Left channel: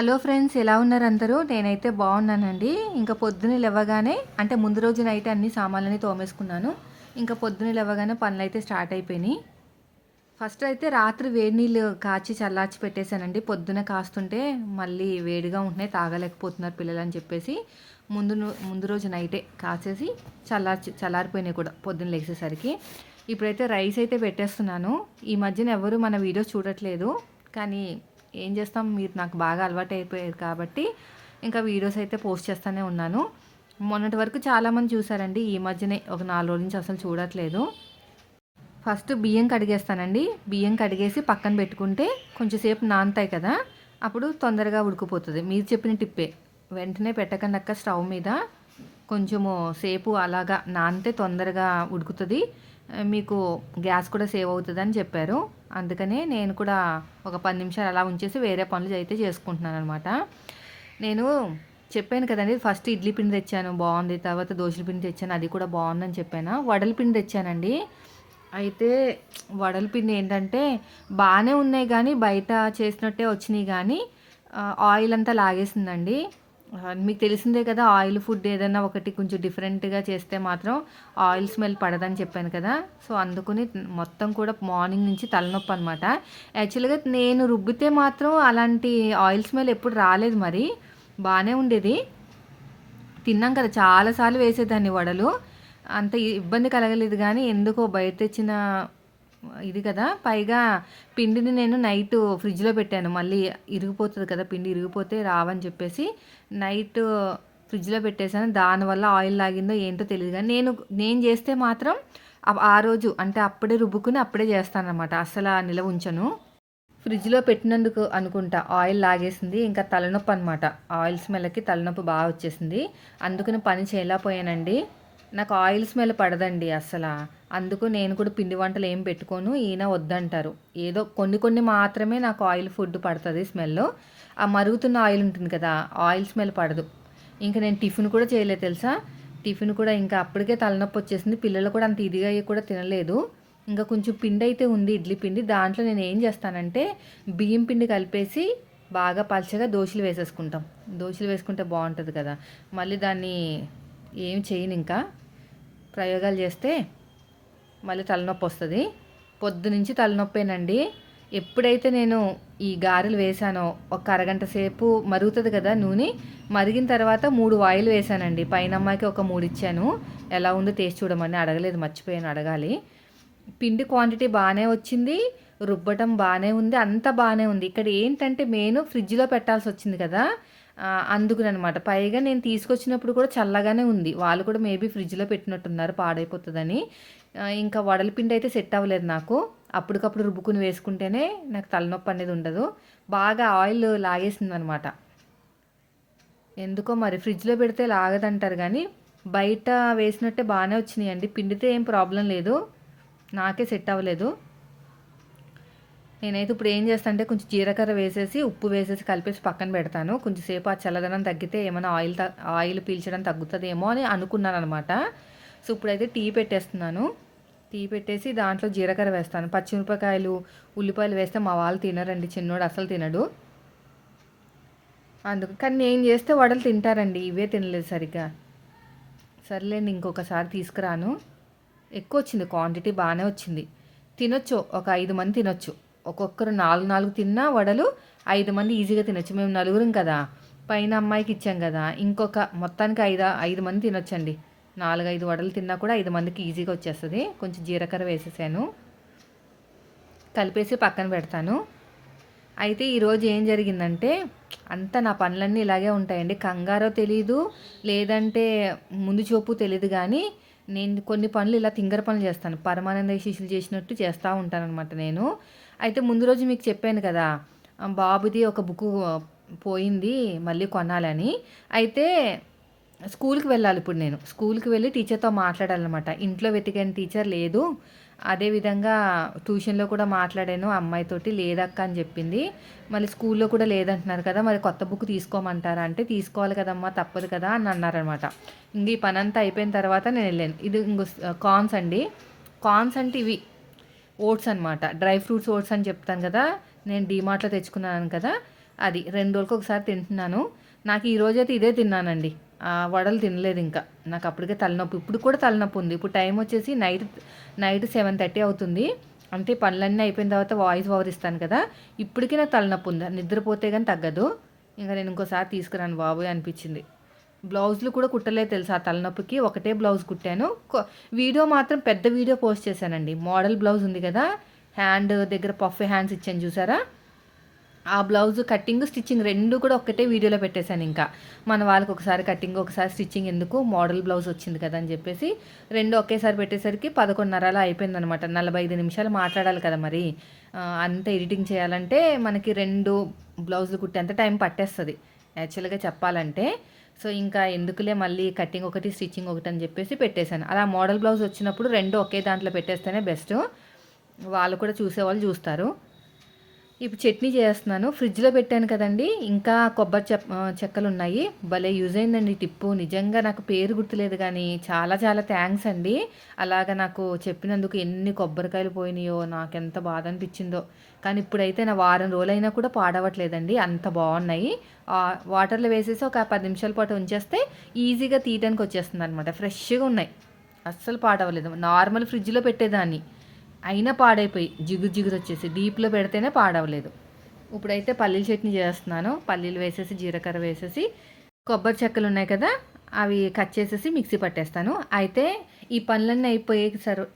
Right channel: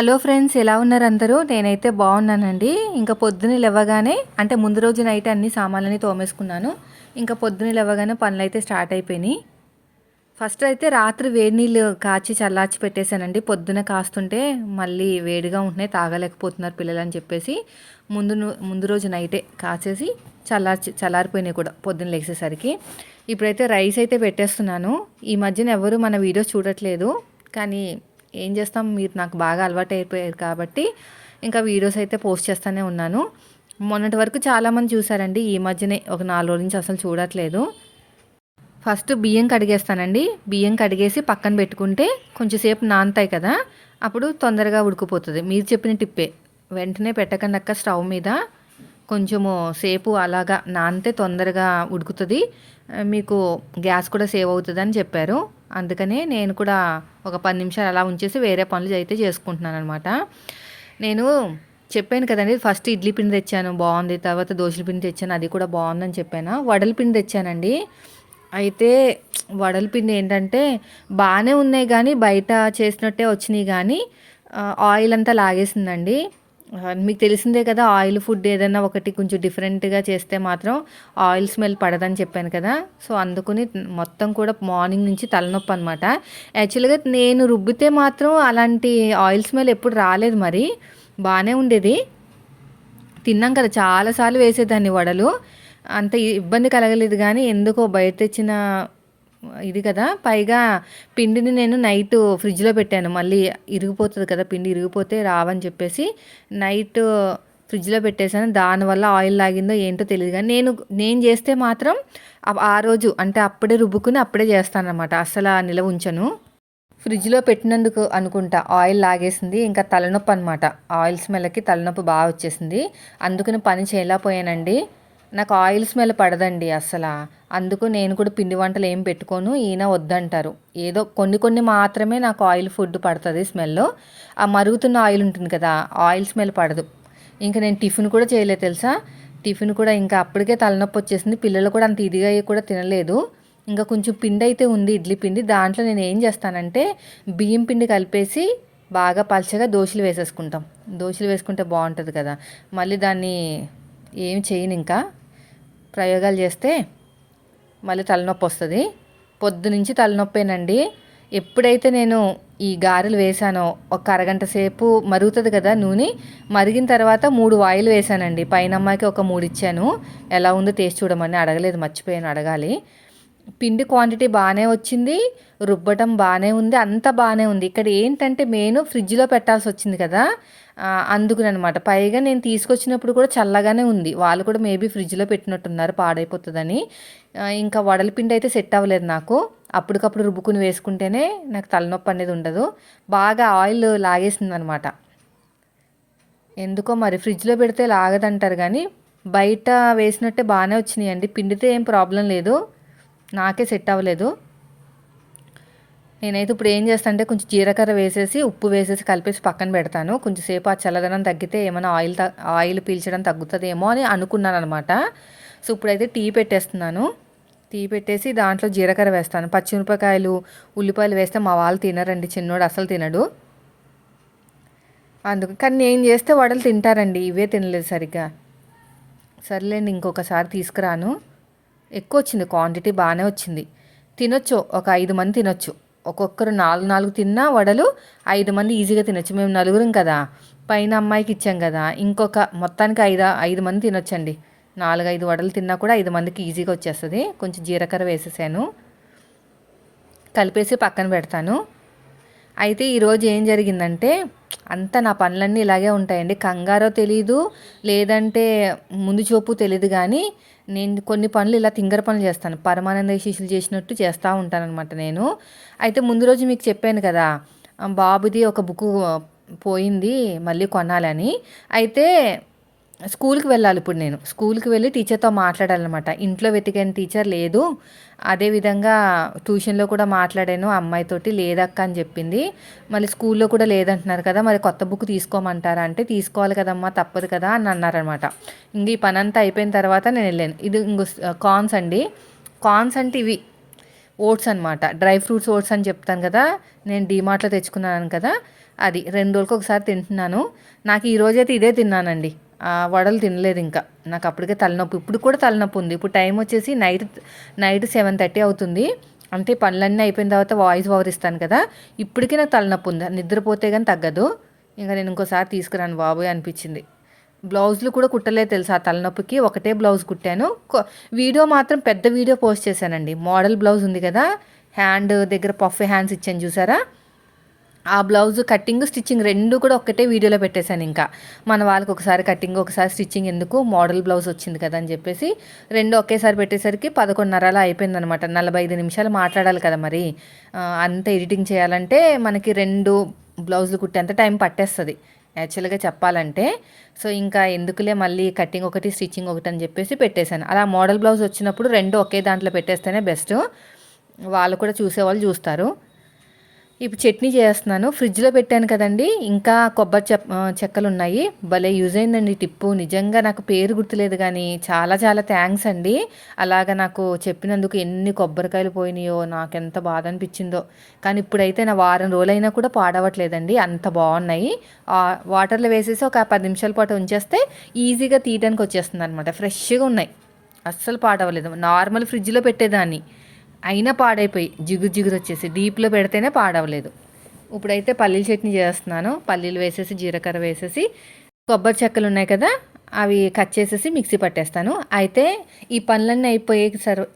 Hello friends, ఎలా ఉన్నారు అందరూ? నేనైతే బాగున్నానండి. ఇంకా పొద్దున్న లేవగానే అంటే ముందు రోజు నైట్ అన్ని సామాన్లని తోమేసుకున్నాను. ఇంకా పొద్దున్న లేవగానే పనులైతే స్టార్ట్ అయిపోయినాయి. ఫస్ట్ అయితే రాత్రి వేడి నీళ్ళు కాచి చల్లార్చి పెట్టేశానండి. పొద్దున కాస్తుంటే మళ్ళీ వేడిగా ఉంటున్నాయి, తాగలేకపోతున్నారు పిల్లలు అని చెప్పేసి ముందు రోజు నైటే కాచేసి చల్లారిపోయినాయి కూడా పొద్దున్న లేచేసరికి. ఇప్పుడైతే రైస్ అయితే పెట్టేస్తున్నాను. ఈ మధ్యన ఎవరు మన వీడియోస్ చూడట్లేదు, కానీ ఏం చేస్తాం, మీరు నాకు బాగా అలవాటు అయిపోయారు కాబట్టి ఇంకా వీడియోస్ అయితే పోస్ట్ చేస్తూనే ఉన్నాను. మొన్నటి వరకు చాలామంది చూసారండి, ఈ మధ్యనే ఒక 4 రోజుల నుంచి అసలు చూడట్లేదు. ఫస్ట్ బియ్యం కడిగేస్తానండి. బియ్యం కడిగేసి పక్కన పెట్టుకుంటే కొంచెంసేపు నానతాయి కదా, అప్పుడు తొందరగా ఉడికిపోతుంది. మీరు చెప్పిన టిప్పే, వెంటనే పెట్టకండి అక్క స్టవ్ మీద, కొంచెము సేపు అలాగా నానితే తొందరగా ఉడుకుతుంది, మీకు గ్యాస్ కూడా సేవ్ అవుతుంది అని చెప్పారు. అందుకనే నేను కూడా ఒక 10 నిమిషాలు అలా ఉంచేసి వేరే పనులు అయితే చేసుకుంటున్నాను అనమాట. నేను చెప్పాను కదండి, ఫస్ట్ ఇడ్లీ పిండి తెచ్చాను బాగుంది, తర్వాత దోశల పిండి తెచ్చాను అది కూడా బాగుందని చెప్పాను. వడల పిండి తెచ్చానండి. అయితే వడల పిండి ఏంటంటే బాగానే ఉన్నాయి, కానీ బయట చేసినట్టే వచ్చినాయి, కానీ ఆయిల్ అంతా లాగేసిందండి. మీకు తెలిసిందే కదా, ఆయిల్ ఫుడ్ ఏదైనా ఒకటి కొంచెం డిఫరెంట్గా చేస్తే మాత్రం ఆయిల్ స్మెల్ పడదని చెప్పాను కదా. సో అందుకని మొత్తం కూడా మార్నింగ్ నుంచి తలనొప్పి అనమాట. యాక్చువల్గా నేను రుబ్బితే మాత్రం అలాంటి ఆయిల్ స్మెల్ ఎప్పుడు రాలేదు, మరి బాగానే ఉండేది. తిన్నాం కదా, చాలాసార్లు వేసేదాన్ని వడలు, అంత ఇబ్బంది కలగలేదు. కానీ ఎందుకో బయట తెచ్చిన ఇది కదా, పైగా పిండిని నేను నైట్ ఫ్రిడ్జ్లో పెట్టాను, మళ్ళీ ఇరిగిపోతుంది కదా, పిండి ఇరిగిపోతే రావని చెప్పేసి నైట్ ఫ్రిడ్జ్లో పెట్టేశాను. దానివల్ల ఆయిల్ లాగిందో ఏంటో తెలియదు, కానీ నేను చేస్తే మాత్రం ఆ రోజు అంటే అప్పుడే రుబ్బుకుని అప్పుడే చేస్తాను అనమాట, అసలు నిలవ ఉంచను. ఫ్రిడ్జ్లో పెట్టినందుకు అనుకుంటా ఆయిల్ లాగేసింది, ఇంకా తలనొప్పి అనమాట. ఆయిల్ స్మెల్కి తలనొప్పి బాగా వచ్చేసింది, అందుకని పని చేయలేకపోయానండి. నాకు ఆయిల్ స్మెల్ పడదండి అసలు, అందుకు నేను కూడా పిండి వంటలు ఏం పెట్టుకోను. ఈయన వద్దంటారు, ఏదో కొన్ని మాత్రమే నాకు ఆయిల్ ఫుడ్ పడుతుంది స్మెల్. ఆ మరుగుతున్న ఆయిల్ ఉంటుంది కదా, ఆయిల్ స్మెల్ పడదు. ఇంకా నేను టిఫిన్ కూడా చేయలేదు తెలుసా. టిఫిన్ కూడా ఇంకా అప్పటికే తలనొప్పి వచ్చేసింది, పిల్లలు కూడా అంత ఇదిగా కూడా తినలేదు. ఇంకా కొంచెం పిండి అయితే ఉంది, ఇడ్లీ పిండి. దాంట్లో నేను ఏం చేస్తానంటే బియ్యం పిండి కలిపేసి బాగా పలచగా దోశలు వేసేసుకుంటాం. దోశలు వేసుకుంటే బాగుంటుంది కదా, మళ్ళీ దాన్ని ఏం చేయను, ఇంకా ప్రయోగాలు చేస్తే మళ్ళీ తలనొప్పి వస్తుంది. పొద్దునుంచి తలనొప్పేనండి. ఎప్పుడైతే నేను ఈ గారెలు వేసానో ఒక అరగంట సేపు మరుగుతుంది కదా నూనె, మరిగిన తర్వాత 3 వాయిలు వేసానండి. పైన అమ్మాయికి ఒక 3 ఇచ్చాను, ఎలా ఉందో టేస్ట్ చూడమని. అడగలేదు, మర్చిపోయాను, అడగాలి. పిండి క్వాంటిటీ బాగానే వచ్చింది, రుబ్బటం బాగానే ఉంది, అంతా బాగానే ఉంది. ఇక్కడ ఏంటంటే మెయిన్ ఫ్రిడ్జ్లో పెట్టాల్సి వచ్చింది కదా, అందుకునమాట. పైగా నేను తీసుకొచ్చినప్పుడు కూడా చల్లగానే ఉంది, వాళ్ళు కూడా మేబీ ఫ్రిడ్జ్లో పెట్టినట్టున్నారు పాడైపోతుందని. ఇంకా వడల పిండి అయితే సెట్ అవ్వలేదు నాకు. అప్పటికప్పుడు రుబ్బుకుని వేసుకుంటేనే నాకు తలనొప్పి అనేది ఉండదు. బాగా ఆయిల్ లాగేసింది అనమాట. ఎందుకో మరి ఫ్రిడ్జ్లో పెడితే లాగదంటారు, కానీ బయట వేసినట్టే బాగానే వచ్చినాయండి. పిండితే ఏం ప్రాబ్లం లేదు, నాకే సెట్ అవ్వలేదు. నేనైతే ఇప్పుడు ఏం చేస్తాను అంటే కొంచెం జీలకర్ర వేసేసి ఉప్పు వేసేసి కలిపేసి పక్కన పెడతాను. కొంచెంసేపు ఆ చల్లదనం తగ్గితే ఏమైనా ఆయిల్ పీల్చడం తగ్గుతుందేమో అని అనుకున్నాను అనమాట. సో ఇప్పుడైతే టీ పెట్టేస్తున్నాను. టీ పెట్టేసి దాంట్లో జీలకర్ర వేస్తాను. పచ్చిమిరపకాయలు, ఉల్లిపాయలు వేస్తే మా వాళ్ళు తినరండి, చిన్నోడు అసలు తినడు. అందుకు కానీ నేను చేస్తే వడలు తింటారండి, ఇవే తినలేదు సరిగ్గా. సర్లేండి, ఇంకొకసారి తీసుకురాను. ఎక్కువ వచ్చింది, క్వాంటిటీ బాగానే వచ్చింది. తినొచ్చు, ఒక 5 మంది తినొచ్చు. ఒక్కొక్కరు 4 తిన్నా వడలు 5 మంది ఈజీగా తినొచ్చు. మేము నలుగురం కదా, పైన అమ్మాయికి ఇచ్చాం కదా, ఇంకొక మొత్తానికి 5 మంది తినొచ్చండి. 4-5 వడలు తిన్నా కూడా 5 మందికి ఈజీగా వచ్చేస్తుంది. కొంచెం జీలకర్ర వేసేసాను, కలిపేసి పక్కన పెడతాను. అయితే ఈరోజు ఏం జరిగిందంటే, అంతా నా పనులన్నీ ఇలాగే ఉంటాయండి. కంగారో తెలీదు, లేదంటే ముందు చూపు తెలీదు, కానీ నేను కొన్ని పనులు ఇలా తింగర పనులు చేస్తాను. పరమానంద శిష్యులు చేసినట్టు చేస్తూ ఉంటానన్నమాట నేను. అయితే ముందు రోజు మీకు చెప్పాను కదా, బాబుది ఒక బుక్ పోయింది, మళ్ళీ కొనాలని. అయితే స్కూల్కి వెళ్ళాలి ఇప్పుడు, నేను స్కూల్కి వెళ్ళి టీచర్తో మాట్లాడాలన్నమాట. ఇంట్లో వెతికాను, టీచర్ లేదు. అదేవిధంగా ట్యూషన్లో కూడా మాట్లాడాను, అమ్మాయితోటి లేదక్క అని చెప్పింది. మళ్ళీ స్కూల్లో కూడా లేదంటున్నారు కదా, మరి కొత్త బుక్ తీసుకోమంటారా అంటే తీసుకోవాలి కదమ్మా, తప్పదు కదా అని అన్నారనమాట. ఇంక ఈ పని అంతా అయిపోయిన తర్వాత నేను వెళ్ళాను. ఇది ఇంకో కార్న్స్ అండి. కార్న్స్ అంటే ఇవి ఓట్స్ అనమాట, డ్రై ఫ్రూట్స్ ఓట్స్ అని చెప్తాను కదా, నేను డీమార్ట్లో తెచ్చుకున్నాను కదా, అది 2 రోజులకు ఒకసారి తింటున్నాను. నాకు ఈరోజైతే ఇదే తిన్నానండి. వడలు తినలేదు ఇంకా. నాకు అప్పటికే తలనొప్పి. ఇప్పుడు కూడా తలనొప్పి ఉంది. ఇప్పుడు టైం వచ్చేసి నైట్ 7:30 అవుతుంది. అంటే పనులన్నీ అయిపోయిన తర్వాత వాయిస్ ఓవర్ ఇస్తాను కదా, ఇప్పటికీ నాకు తలనొప్పి ఉంది. నిద్రపోతే కానీ తగ్గదు. ఇంకా నేను ఇంకోసారి తీసుకురాను బాబోయ్ అనిపించింది. బ్లౌజులు కూడా కుట్టలేదు తెలుసా ఆ తలనొప్పికి. ఒకటే బ్లౌజ్ కుట్టాను. వీడియో మాత్రం పెద్ద వీడియో పోస్ట్ చేశానండి. మోడల్ బ్లౌజ్ ఉంది కదా, హ్యాండ్ దగ్గర పఫ్ హ్యాండ్స్ ఇచ్చాను చూసారా, ఆ బ్లౌజ్ కటింగ్ స్టిచ్చింగ్ 2 కూడా ఒక్కటే వీడియోలో పెట్టేశాను. ఇంకా మన వాళ్ళకి ఒకసారి కటింగ్ ఒకసారి స్టిచ్చింగ్ ఎందుకు, మోడల్ బ్లౌజ్ వచ్చింది కదా అని చెప్పేసి 2 ఒకేసారి పెట్టేసరికి 11:30 అలా అయిపోయిందనమాట. 45 నిమిషాలు మాట్లాడాలి కదా మరి. అంత ఎడిటింగ్ చేయాలంటే మనకి 2 బ్లౌజులు కుట్టేంత టైం పట్టేస్తుంది యాక్చువల్గా చెప్పాలంటే. సో ఇంకా ఎందుకులే మళ్ళీ కటింగ్ ఒకటి స్టిచ్చింగ్ ఒకటి అని చెప్పేసి పెట్టేశాను. అలా మోడల్ బ్లౌజ్ వచ్చినప్పుడు 2 ఒకే దాంట్లో పెట్టేస్తేనే బెస్ట్. వాళ్ళు కూడా చూసేవాళ్ళు చూస్తారు. ఇప్పుడు చట్నీ చేస్తున్నాను. ఫ్రిడ్జ్లో పెట్టాను కదండి, ఇంకా కొబ్బరి చెక్కలు ఉన్నాయి. భలే యూజ్ అయిందండి టిప్పు. నిజంగా నాకు పేరు గుర్తులేదు కానీ చాలా చాలా థ్యాంక్స్ అండి. అలాగా నాకు చెప్పినందుకు. ఎన్ని కొబ్బరికాయలు పోయినాయో, నాకు ఎంత బాధ అనిపించిందో. కానీ ఇప్పుడైతే నా వారం రోజులైనా కూడా పాడవట్లేదండి, అంత బాగున్నాయి. వాటర్లో వేసేసి ఒక 10 నిమిషాల పాటు ఉంచేస్తే ఈజీగా తీయడానికి వచ్చేస్తుంది అనమాట. ఫ్రెష్గా ఉన్నాయి, అస్సలు పాడవలేదు. నార్మల్ ఫ్రిడ్జ్లో పెట్టేదాన్ని అయినా పాడైపోయి జిగురు జిగురు వచ్చేసి, డీప్లో పెడితేనే పాడవలేదు. ఇప్పుడైతే పల్లీల చట్నీ చేస్తున్నాను. పల్లీలు వేసేసి జీలకర్ర వేసేసి కొబ్బరి చెక్కలు ఉన్నాయి కదా, అవి కట్ చేసేసి మిక్సీ పట్టేస్తాను. అయితే ఈ పనులన్నీ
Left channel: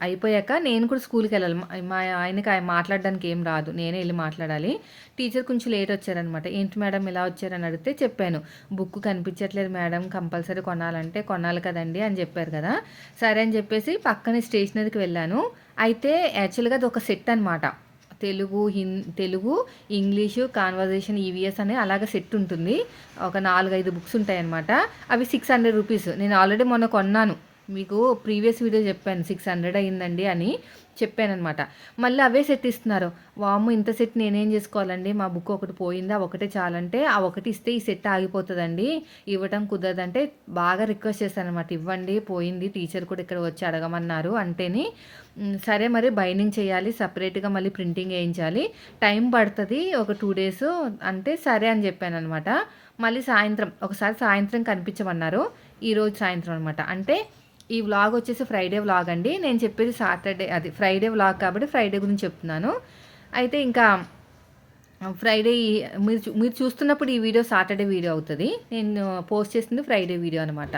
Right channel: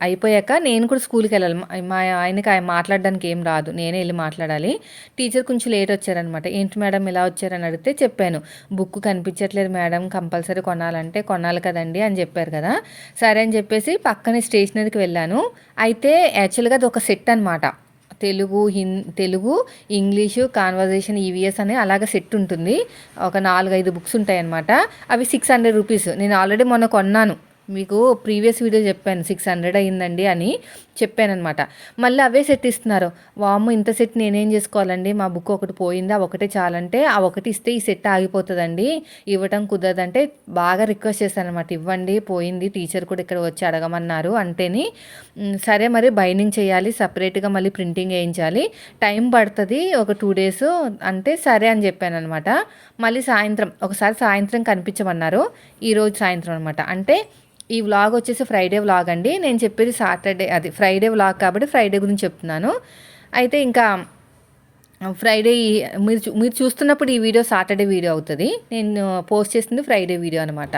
అయిపోయాక నేను కూడా స్కూల్కి వెళ్ళాలి. మా ఆయనకి ఆయన మాట్లాడడానికి ఏం రాదు, నేనే వెళ్ళి మాట్లాడాలి. టీచర్ కొంచెం లేట్ వచ్చారనమాట. ఏంటి మేడం ఇలా వచ్చారని అడిగితే చెప్పాను. బుక్ కనిపించట్లేదు మేడం, కంపల్సరీ కొనాలంటే కొనాలి కదండి అని చెప్పారు కదా. సరే అని చెప్పేసి పక్కనే స్టేషనరీకి వెళ్ళాను. అయితే యాక్చువల్గా అది ఒక సెట్ అనమాట. తెలుగు, ఇంగ్లీషు, కాన్వర్జేషన్, ఈవీఎస్ అనే అలాగే సెట్ ఉంటుంది. ఒక 4-5 బుక్స్ ఉంటాయన్నమాట. అవి 600 రూపీస్. నేను ఆల్రెడీ మొన్న కొన్నాను, మీకు ప్రీవియస్ వీడియో చెప్పాను 600 అయ్యిందండి అని చెప్పానమాట. మళ్ళీ అవే సెట్ ఇస్తున్నారు. వామ్మో, ఇంత సెట్ నేనేం చేసుకోవాలండి, మా బుక్ ఒకటి పోయింది, ఆ ఒకటే చాలంటే ఆ ఒకటి ఇస్తే ఈ సెట్ ఆగిపోతుందండి, ఇవ్వటం కుదరదంటే బాగా రిక్వెస్ట్ చేశాను అనమాట. ఇవ్వండి, పోయింది, టీచర్ కూడా ఇక్కడ వచ్చి అడగమన్నారు అంటేని సరే మరి బైండింగ్ చేయాలి, సపరేట్గా మళ్ళీ ప్రింటింగ్ వేయించాలి, టైం పడుతుంది ఒక 2 డేస్ అంటే సరే అని చెప్పాను అనమాట. మళ్ళీ ఒకసారి సాయంత్రం కనిపించమన్నారు. ఈరోజు సాయంత్రం అనమాట. అంటే ఈ వ్లాగ్ వచ్చేసి ఫ్రైడే వ్లాగ్ అండి. నేను చెప్పేది ఫ్రైడే వ్లాగ్ కాబట్టి ఫ్రైడే గురించి చెప్తున్నాను. అయితే ఇంకా ఫ్రైడే మీరు చూస్తున్నప్పుడు ఈ వీడియో సాటర్డే వీడియో అవుతుంది. నేను పోస్ట్ చేసింది ఫ్రైడే వీడియో అనమాట.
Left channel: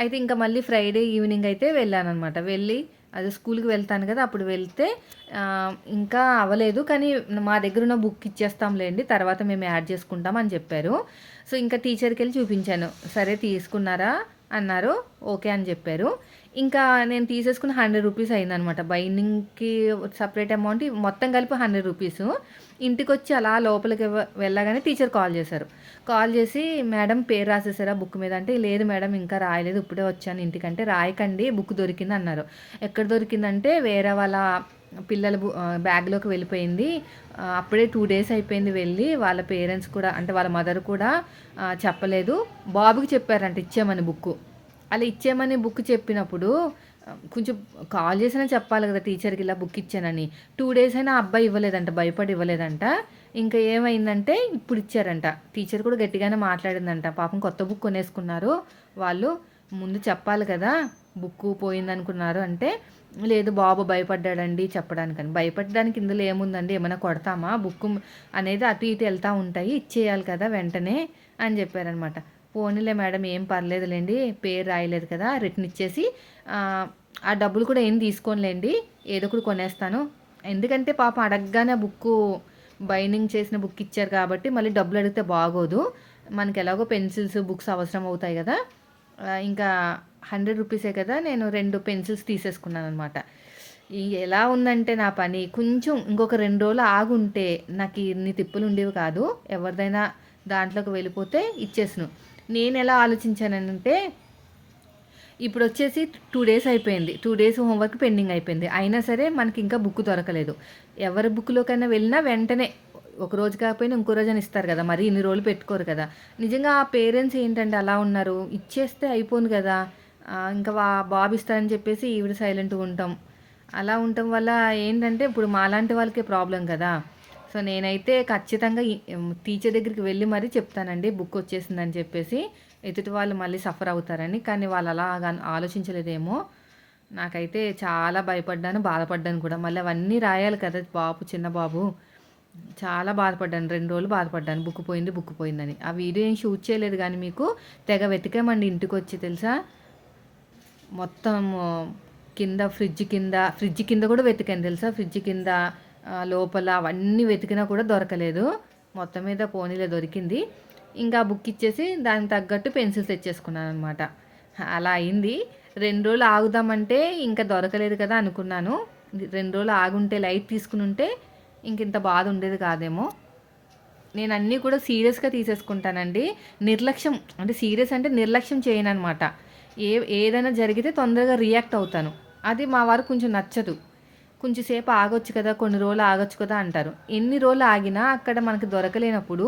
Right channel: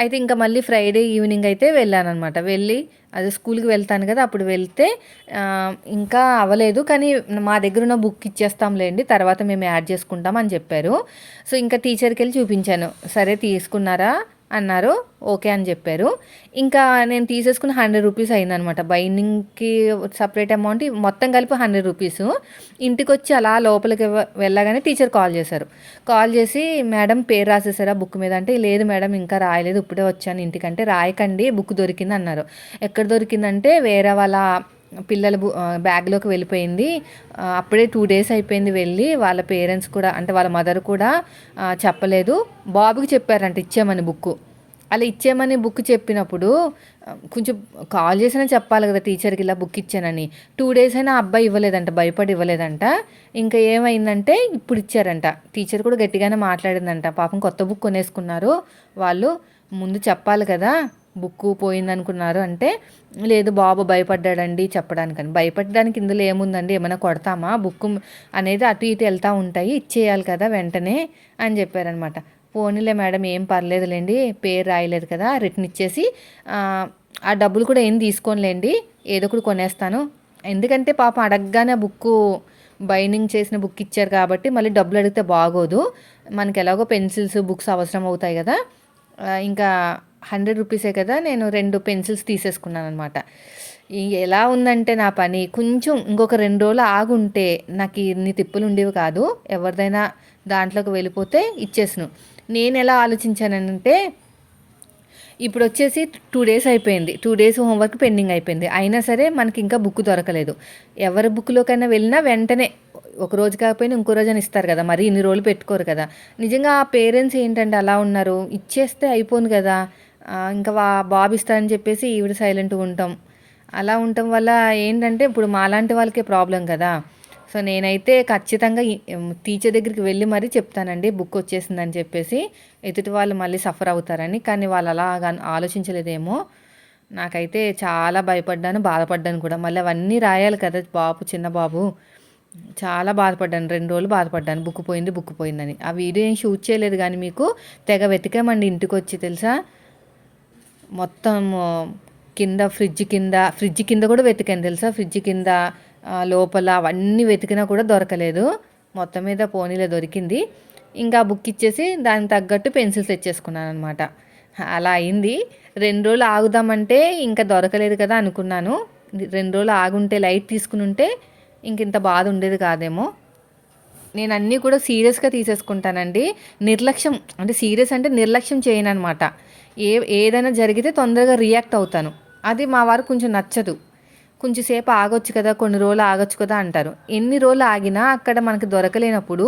అయితే ఇంకా మళ్ళీ ఫ్రైడే ఈవినింగ్ అయితే వెళ్ళానమాట. వెళ్ళి అదే స్కూల్కి వెళ్తాను కదా, అప్పుడు వెళ్తే ఇంకా అవ్వలేదు, కానీ మా దగ్గర ఉన్న బుక్ ఇచ్చేస్తాంలేండి, తర్వాత మేము యాడ్ చేసుకుంటాం అని చెప్పారు. సో ఇంకా టీచర్కి వెళ్ళి చూపించాను. సరే తీసుకున్నారా అన్నారు, ఓకే అని చెప్పారు. ఇంకా నేను తీసేసుకుని 100 రూపీస్ అయిందనమాట. బైండింగ్కి సపరేట్ అమౌంట్ మొత్తం కలిపి 100 రూపీస్. ఇంటికి వచ్చి అలా లోపలికి వెళ్ళగానే టీచర్ కాల్ చేశారు. కాల్ చేసి మేడం పేరు రాసేసారా బుక్ మీద అంటే, లేదు మేడం ఇంకా రాయలేదు, ఇప్పుడే వచ్చాను ఇంటికంటే, రాయకండి బుక్ దొరికింది అన్నారు. ఎక్కడ దొరికిందంటే వేరే వాళ్ళ పిల్లల బ్యాగ్లోకి వెళ్ళిపోయింది. అప్పుడే 2 డేస్ అయిపోయింది వెళ్ళి. వాళ్ళ పేరెంట్స్ కూడా అంటే వాళ్ళ మదర్ కూడా చెప్పలేదు. బాబుకి చెప్పారంట ఇచ్చామని బుక్. అలా ఇచ్చేయమని బుక్ చెప్పినప్పుడు కొంచెం కాల్ చేసినా చెప్పాలి కదా టీచర్కి, ఇలా బుక్ ఇచ్చానని. 2 డేస్ అయినా అబ్బాయి ఇవ్వలేదంట, భయపడి ఇవ్వలేదంట. ఇంకా ఏమైందంటే ఇప్పుడు ఇచ్చారంట. టీచర్ కూడా గట్టిగానే మాట్లాడిందంట. పాపం కొత్త బుక్ కొనేసుకున్నారు వాళ్ళు, ముందు చెప్పాలి కదా బుక్ పోయిందనుకున్నారు అంటే, లేదు బాబు భయపడ్డాడండి చెప్పడానికని. భయపడడానికి ఇందులో ఏముందండి, ఏమైనా కొడతామా, బుక్ అనేది అటు ఇటు వెళ్తూ ఉంటాయి, ఇచ్చేయాలి కదా వెంటనే అని చెప్పారనమాట. పోనీలే మేడం ఏం పర్లేదులేండి, పేరు రాయలేదు కదా, రిటర్న్ ఇచ్చేసి ఆ డబ్బులు కూడా ఏం తీసుకోనిలేండి, ఏదో ఒకటి కొనేస్తాను. ఎందుకంటే పాప అడగగానే బుక్ బైండింగ్ చేసిన బుక్ ఇచ్చారు కాబట్టి మళ్ళీ డబ్బులు అడిగితే బాగోదు. మనకి ఎలాగో పెన్సిల్స్ బుక్స్ అవసరం అవుతాయి కదా. ఇంకా 100 రూపీసే కదా, నేను 2 పెన్సిల్స్ తీసేసుకున్నాను అనమాట. ఎలా ఉందంటే నా పని కొంచెం ఇంకొక 2 రోజులు ఆగుంటే నాకు ఇన్ని తిప్పులు ఉండేవి కాదు. ఎవరిదైనా దాంట్లోకి వెళ్ళిపోతే ఇచ్చేసాను. నేను ఎలా ఆలోచించానంటే, ఇప్పుడు వచ్చేసి 2 డేస్ అయిపోయింది, 2 డేస్ హోంవర్క్ పెండింగ్ అయిపోయింది, అయినా సరే మనకి ఇంకా బుక్ దొరకలేదు. ఎవరి బుక్లోకైనా వెళ్ళినా వెంటనే ఒక రోజు కాకపోయినా ఇంకో రోజు అని ఇస్తారు కదా, మరి ఇన్ని రోజులు పెట్టుకోరు కదా. నిజంగా ఆ పేరెంట్స్ ఏంటంటే అలా ఉన్నారు, ఇచ్చేస్తే అయిపోను కదా. ఇంకా బాబు ఇస్తారని చెప్పేసి ఈవిడ సైలెంట్గా ఉంటాం. అలా ఉండటం వల్ల ఏంటంటే ఇప్పుడు మాలాంటి వాళ్ళకే ప్రాబ్లం కదా. సో నేనైతే ఖచ్చితంగా టీచర్ దగ్గరికి వెళ్ళి మరీ చెప్తానండి బుక్ వచ్చేసిందని చెప్పేసి. ఎదుటి వాళ్ళు మళ్ళీ సఫర్ అవుతారని. కానీ వాళ్ళు అలా ఆలోచించలేదేమో. నాకైతే చాలా భయపడ్డాను, బాధపడ్డాను కూడా. మళ్ళీ అవన్నీ రాయాలి కదా బాబు, చిన్న బాబు. చాలా బాధపడ్డాను. 2 రోజులు బాధపడ్డాను బుక్ పోయిందని. ఆ వీడియో ఏం షూట్ చేయలేదు కానీ మీకు తెగ వెతికామండి ఇంటికొచ్చి తెలుసా. మొత్తం కింద ఫ్రిడ్జ్ కింద కూడా వెతికాను తెలుసా. ఫ్రిడ్జ్ కింద లోపల అవన్నీ వెతికినా కూడా దొరకలేదు. మొత్తం మీద పోనీలే దొరికింది. ఇంకా బుక్ ఇచ్చేసి దానికి తగ్గట్టు పెన్సిల్స్ తెచ్చేసుకున్నాను అనమాట. అలా అయింది. 2 రోజులు ఆగుదామంటే ఇంకా దొరకలేదు కదా అనుకున్నాను. 2 రోజులు ఆగుంటే లైట్ తీసుకుని ఉంటే ఇంత బాధ ఉండేది కాదేమో. నేను అన్నీ కూడా సీరియస్గా తీసేసుకుంటానండి. నిర్లక్ష్యం అంటే సీరియస్ అంటే నిర్లక్ష్యం చేయను అనమాట. ఏదైనా జరిగితే తొందరగా రియాక్ట్ అవుతాను. అది మా వారికి కొంచెం నచ్చదు. కొంచెం సేపు ఆగొచ్చు కదా, కొన్ని రోజులు ఆగొచ్చు కదా అంటారు. ఎన్ని రోజులు ఆగినా అక్కడ మనకి దొరకలేనప్పుడు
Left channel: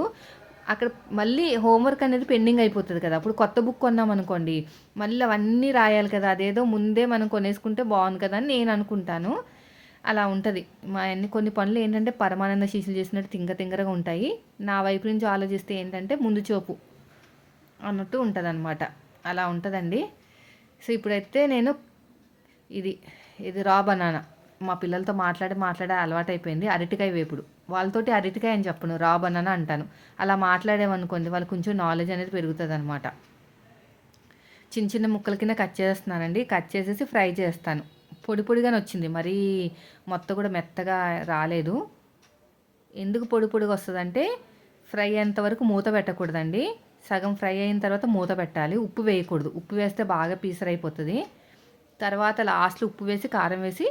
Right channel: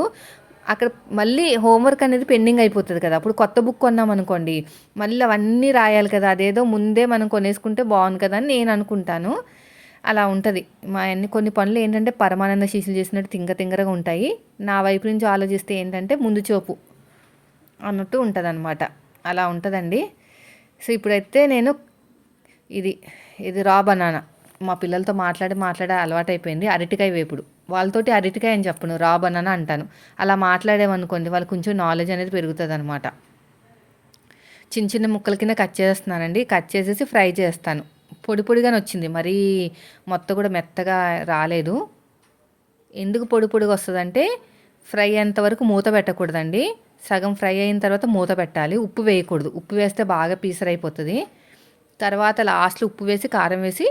అక్కడ మళ్ళీ హోంవర్క్ అనేది పెండింగ్ అయిపోతుంది కదా. అప్పుడు కొత్త బుక్ కొన్నామనుకోండి, మళ్ళీ అవన్నీ రాయాలి కదా. అదేదో ముందే మనం కొనేసుకుంటే బాగుంది కదా అని నేను అనుకుంటాను. అలా ఉంటుంది. మా కొన్ని పనులు ఏంటంటే పరమానంద శిష్యులు చేసినట్టు తింగరగా ఉంటాయి. నా వైపు నుంచి ఆలోచిస్తే ఏంటంటే ముందు చూపు అన్నట్టు ఉంటుందన్నమాట. అలా ఉంటుందండి. సో ఇప్పుడైతే నేను ఇది రా బనానా మా పిల్లలతో మాట్లాడే అలవాటైపోయింది. అరటికాయ వేపుడు. వాళ్ళతోటి అరటికాయ అని చెప్పను, రా బనానా అంటాను. అలా మాట్లాడేమనుకోండి వాళ్ళకి కొంచెం నాలెడ్జ్ అనేది పెరుగుతుంది అనమాట. చిన్న చిన్న ముక్కల కింద కట్ చేస్తున్నానండి. కట్ చేసేసి ఫ్రై చేస్తాను. పొడిగానే వచ్చింది, మరీ మొత్తం కూడా మెత్తగా రాలేదు. ఎందుకు పొడిగా వస్తుందంటే ఫ్రై అయ్యేంతవరకు మూత పెట్టకూడదండి. సగం ఫ్రై అయిన తర్వాత మూత పెట్టాలి. ఉప్పు వేయకూడదు. ఉప్పు వేస్తే బాగా పీసరైపోతుంది. తర్వాత లాస్ట్లో ఉప్పు వేసి కారం వేసి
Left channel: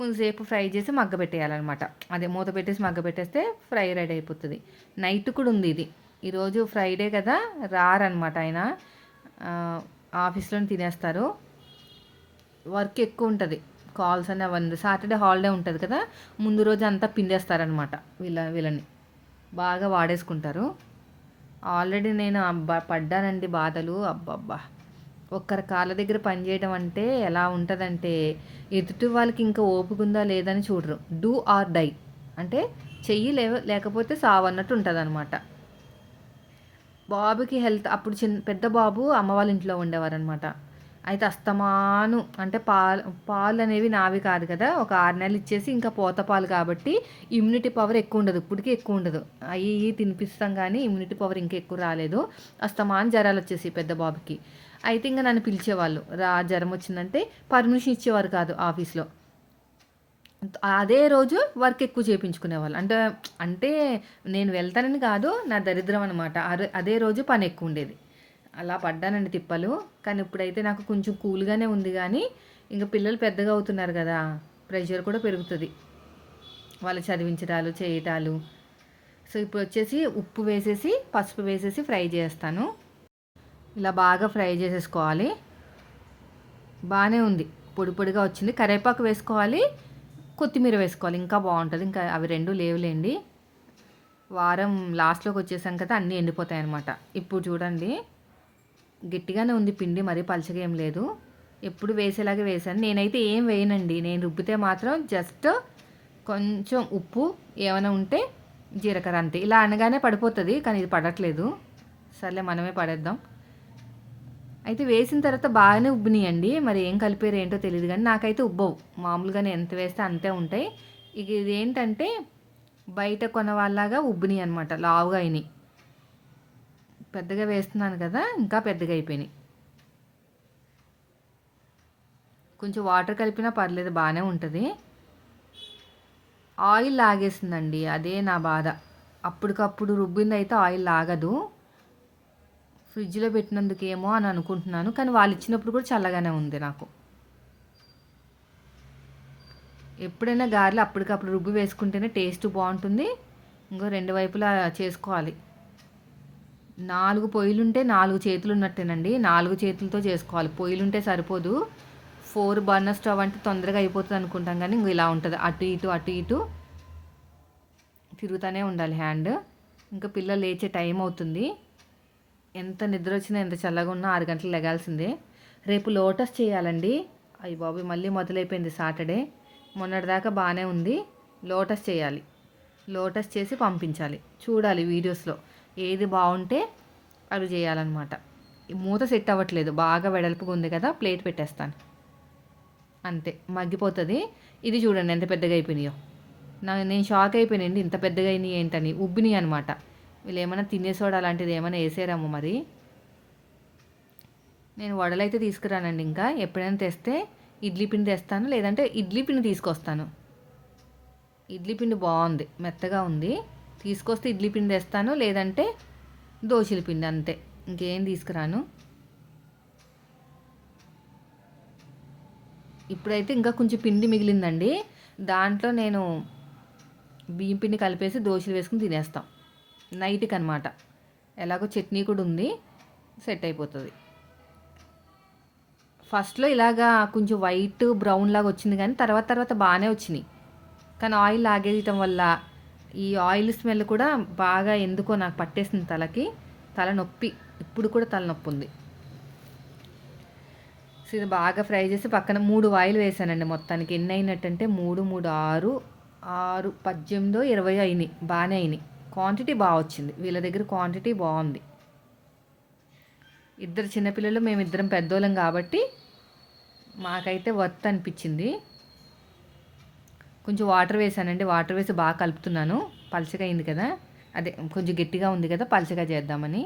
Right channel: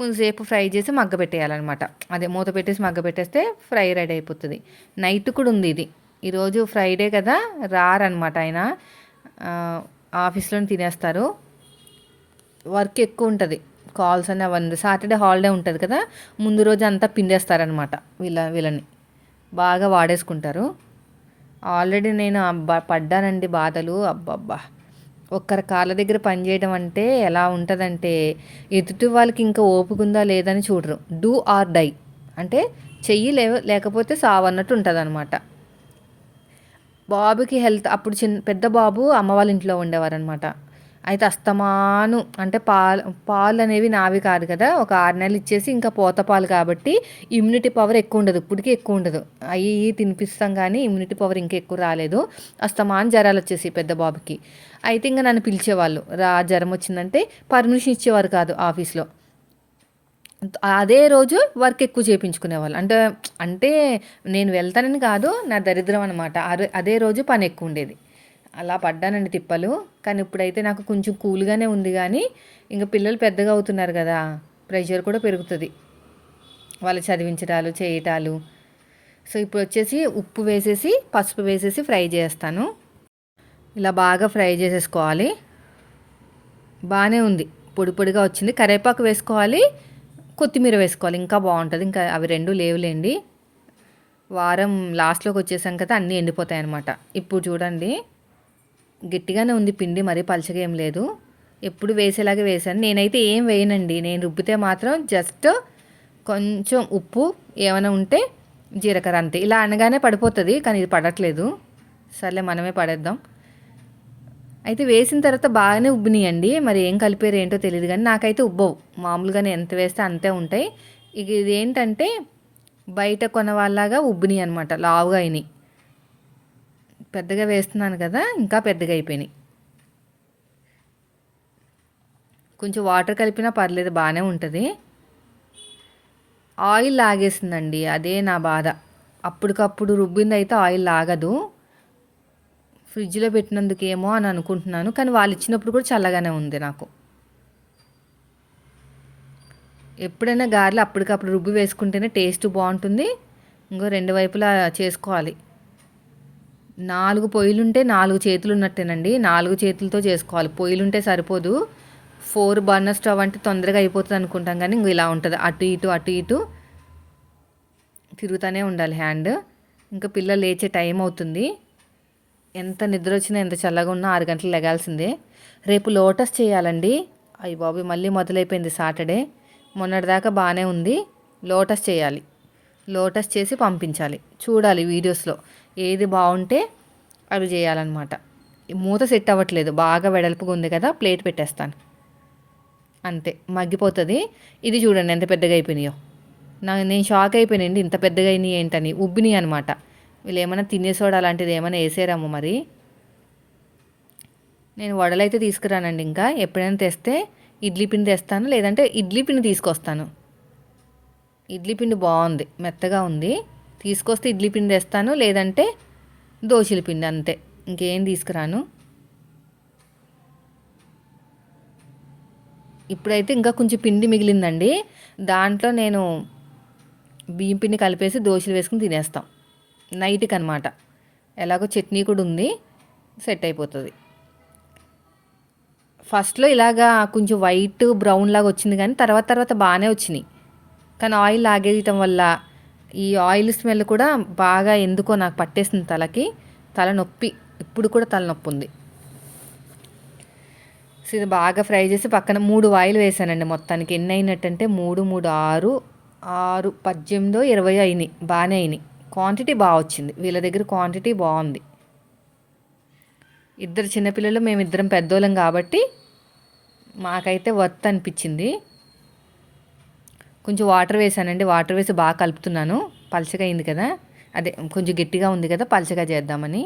కొంచెంసేపు ఫ్రై చేసి మగ్గబెట్టేయాలన్నమాట. అదే మూత పెట్టేసి మగ్గబెట్టేస్తే ఫ్రై రెడీ అయిపోతుంది. నైట్ కూడా ఉంది ఇది. ఈరోజు ఫ్రైడే కదా, రారనమాట ఆయన. ఆఫీస్లోనే తినేస్తారు. వర్క్ ఎక్కువ ఉంటుంది. కాల్స్ అని అవన్నీ. సాటర్డే హాలిడే ఉంటుంది కదా, ముందు రోజు అంతా పిండేస్తారనమాట. వీళ్ళని బాగా వాడేసుకుంటారు. ఆల్రెడీ నేను పడ్డానండి బాధలు. అబ్బబ్బా, ఒక్కరి కాళ్ళ దగ్గర పనిచేయడం అంటే ఎలా ఉంటుందంటే ఎదుటి వాళ్ళకి ఇంకా ఓపిక ఉందా లేదని చూడరు. డూ ఆర్ డై అంటే చెయ్యి లేకపోతే సావన్నట్టు ఉంటుంది అనమాట. బాబుకి హెల్త్ అప్పుడు పెద్ద బాబు అమ్మ వాళ్ళ ఇంట్లో ఉండేవారనమాట. అయితే అస్తమాను అంటే పాలు అనేవి నావి కాదు కదా, ఒక 6 నెలలు ఇచ్చేసి ఇంకా పోత పాలు కాబట్టి ఇమ్యూనిటీ పవర్ ఎక్కువ ఉండదు. ఇప్పటికీ ఎక్కువ ఉండదు. అవి తినిపిస్తాం కానీ ఇమ్యూనిటీ పవర్ ఇంకా ఎక్కువ రాలేదు. అస్తమాను జ్వరాలు వచ్చేసి పెద్ద బాబుకి. అయితే ఇంకా నన్ను పిలిచేవాళ్ళు, జ్వరం వచ్చిందంటే పర్మిషన్ ఇచ్చేవారు కాదు ఆఫీస్లో. అదే రోజు వర్క్ ఎక్కువ చేయించుకునేవాళ్ళు. అంటే నేను వెళ్తానని కాదు, నా దరిద్రం అనమాట. అదే రోజు పని ఎక్కువ ఉండేది. అలా పడ్డానండి తిప్పలు. కానీ ఇప్పుడైతే నాకు కొంచెం కూల్గానే ఉంది. కానీ ఇంకా పిల్లలు పెద్దగా అవుతున్నారు కదా, ప్రెషర్ కూడా పెరుగుతుంది. వాళ్ళు చదివించడాలు చేయటాలు. సో ఇప్పుడు వచ్చేసి ఉప్పు వేసేసి పసుపు వేసేసి ఫ్రై చేస్తాను. ఇలా బాగా ఫ్రై చేసేసుకోవాలి. బాగానే ఉంది, పొడిగా వచ్చింది. కరివేపాకు వేసుకోవాలి, కొత్తిమీర వేసుకోవాలి, ఇంకా బాగుంటుంది. ఇంకా అవి 2 లేవులేండి. వారం లాస్ట్లోకి వచ్చేసాం కదా, అన్నీ ఎండిపోతాయి అన్నమాట. ఇప్పుడు చూడండి గట్టిగానే ఉంది పిండి, మరీ పలచగా ఏం లేదు. ఎప్పుడు వేసేలాగే వేసాను. నేనైతే ఏం వేయనండి. నేను రుబ్బితే మాత్రం జస్ట్ కొంచెం ఉప్పు, ఏమైనా ఉంటే జీలకర్ర, అంతే. ఇలా అనగానే పడిపోతుంది, కానీ ఇది పడట్లేదు. సర్లే మనమే పడేద్దాం. అయితే వేసిన తర్వాత బాగానే ఉబ్బినాయండి. మరి ఏం కలిపారు ఏంటో తెలియదు కానీ నాకైతే ఉబ్బవు. మామూలుగానే ఎంత వేస్తే అంతే ఉంటాయి. ఇక ఇది ఏంటంటే బయట కొన వాళ్ళలాగా ఉబ్బినాయి అనమాట, లావుగా అయినాయి. పెద్దగా వేస్తున్నాను కదా, ఇంకా పెద్దగా అయిపోయినాయి. కొంచెం వాటర్ కలిపినా పర్లేదు, బాగానే ఉంటుంది. ఆయిల్ లాగేసిందండి, అదే నా బాధ. అప్పటికప్పుడు రుబ్బింది అయితే ఆయిల్ లాగదు. ఫ్రిడ్జ్లో పెట్టినందుకేమో అని అనుకుంటున్నాను, కానీ వాళ్ళు ఇచ్చినప్పుడు కూడా చల్లగానే ఉంది నాకు. ఎప్పుడైనా గారెలు అప్పటికప్పుడు రుబ్బి వేసుకుంటేనే టేస్ట్ బాగుంటుంది. ఇంకో 2 వైపులా చేసుకోవాలి. 4 పొయ్యిలుంటే 4 చేతులు ఉన్నట్టేనండి. 4 చేతులతో చేసుకోవాలి. పొయ్యిలుంటే సరిపోదు. 4 బర్నర్ స్టవ్ అంటే తొందరగా అయిపోతుంది అనుకుంటాం, కానీ ఇంక ఇలా ఉంటుంది. అటు ఇటు తిరుగుతూనే ఉండాలి హ్యాండ్. ఇంకా పిల్లలు లేచే టైం అవుతుంది. ఎంత నిద్ర వచ్చినా ఎంత చల్లగా ఉన్నా 6 గంటలు లెగాల్సిందే. రేపు లోటస్ చేయాలండి. అయ్య బాబు, మళ్ళీ మొదలైపోయింది సాటర్డే. మొన్నటిదాకా బాగానే ఉంది. లోటస్ చేయాలి. లోటస్ చేసి పంపించాలి. చూడాలి వీడియోస్లో ఏది బాగుంటే అవి చేయాలన్నమాట. మూత సెట్ అవ్వట్లేదు, బాగా వెడల్పుగా ఉంది కదా, ప్లేట్ పెట్టేస్తాను అంతే, మగ్గిపోతుంది. ఇది చూడండి ఎంత పెద్దగా అయిపోయినాయో. నేను షాక్ అయిపోయానండి, ఇంత పెద్దగా అయినాయి ఏంటని. ఉబ్బినాయి అనమాట. వీళ్ళు ఏమైనా తినేసోడా అలాంటిది ఏమైనా వేసారేమో మరి. నేను వడలైతే తీసుకురానండి, ఇంకా ఎప్పుడైనా తెస్తే ఇడ్లీ పిండి తెస్తాను, లేదంటే ఇడ్లీ పిండి తీసుకొస్తాను. ఇడ్లీ పిండి బాగుంది, మెత్తగా ఉంది. తీసుకొస్తే ఇడ్లీ పిండి తెస్తాను, లేదంటే దోశల పిండి, అంతే, ఇంకేం తీసుకురాను. ఇప్పుడైతే ఇంకా కొంచెం పిండి మిగిలిందండి, దాంట్లో నేను బియ్యం పిండి కలిపేసి దోశలు వేసుకుని తినేస్తాం నైట్కి అనమాట. ఎలాగో చట్నీ కూడా ఉంది, సెట్ అయిపోతుంది. ఫస్ట్లో ఇలాగా కొంచెం వైట్ బ్రౌన్ లాగా వచ్చింది, కానీ తర్వాత తర్వాత బాగానే వచ్చినాయి. కానీ ఆయిల్ లాగేయటం వల్ల ఈ ఆయిల్ స్మెల్ కూడా బాగా ఎందుకో నాకు పట్టేసింది తలకి. తలనొప్పి, ఇప్పుడు కూడా తలనొప్పి ఉంది. సో ఇది బాగా ఫ్రై చేసి పక్కన 3 ఆయిల్ వేసానండి. మొత్తానికి ఎన్ని అయినట్టంటే 3, 3, 6, 6, 18, 20 అయినాయి. బాగానే అయినాయి. క్వాంటిటీ బాగా వచ్చింది, వీళ్ళ దగ్గర క్వాంటిటీ బాగుంది. ఇద్దరు చిన్నపిల్లలు, మేమిద్దరం పెద్దోళ్ళం కాబట్టి మాకైతే వర్త్ అనిపించింది. కొంచెం వాటర్ వేసానండి, వాటర్ వేసి బాగా కలుపుతున్నాను. పలచగా అయింది కదా, అదే కొంచెం గట్టిగా ఉంది కదా, పలచగా చేద్దామని.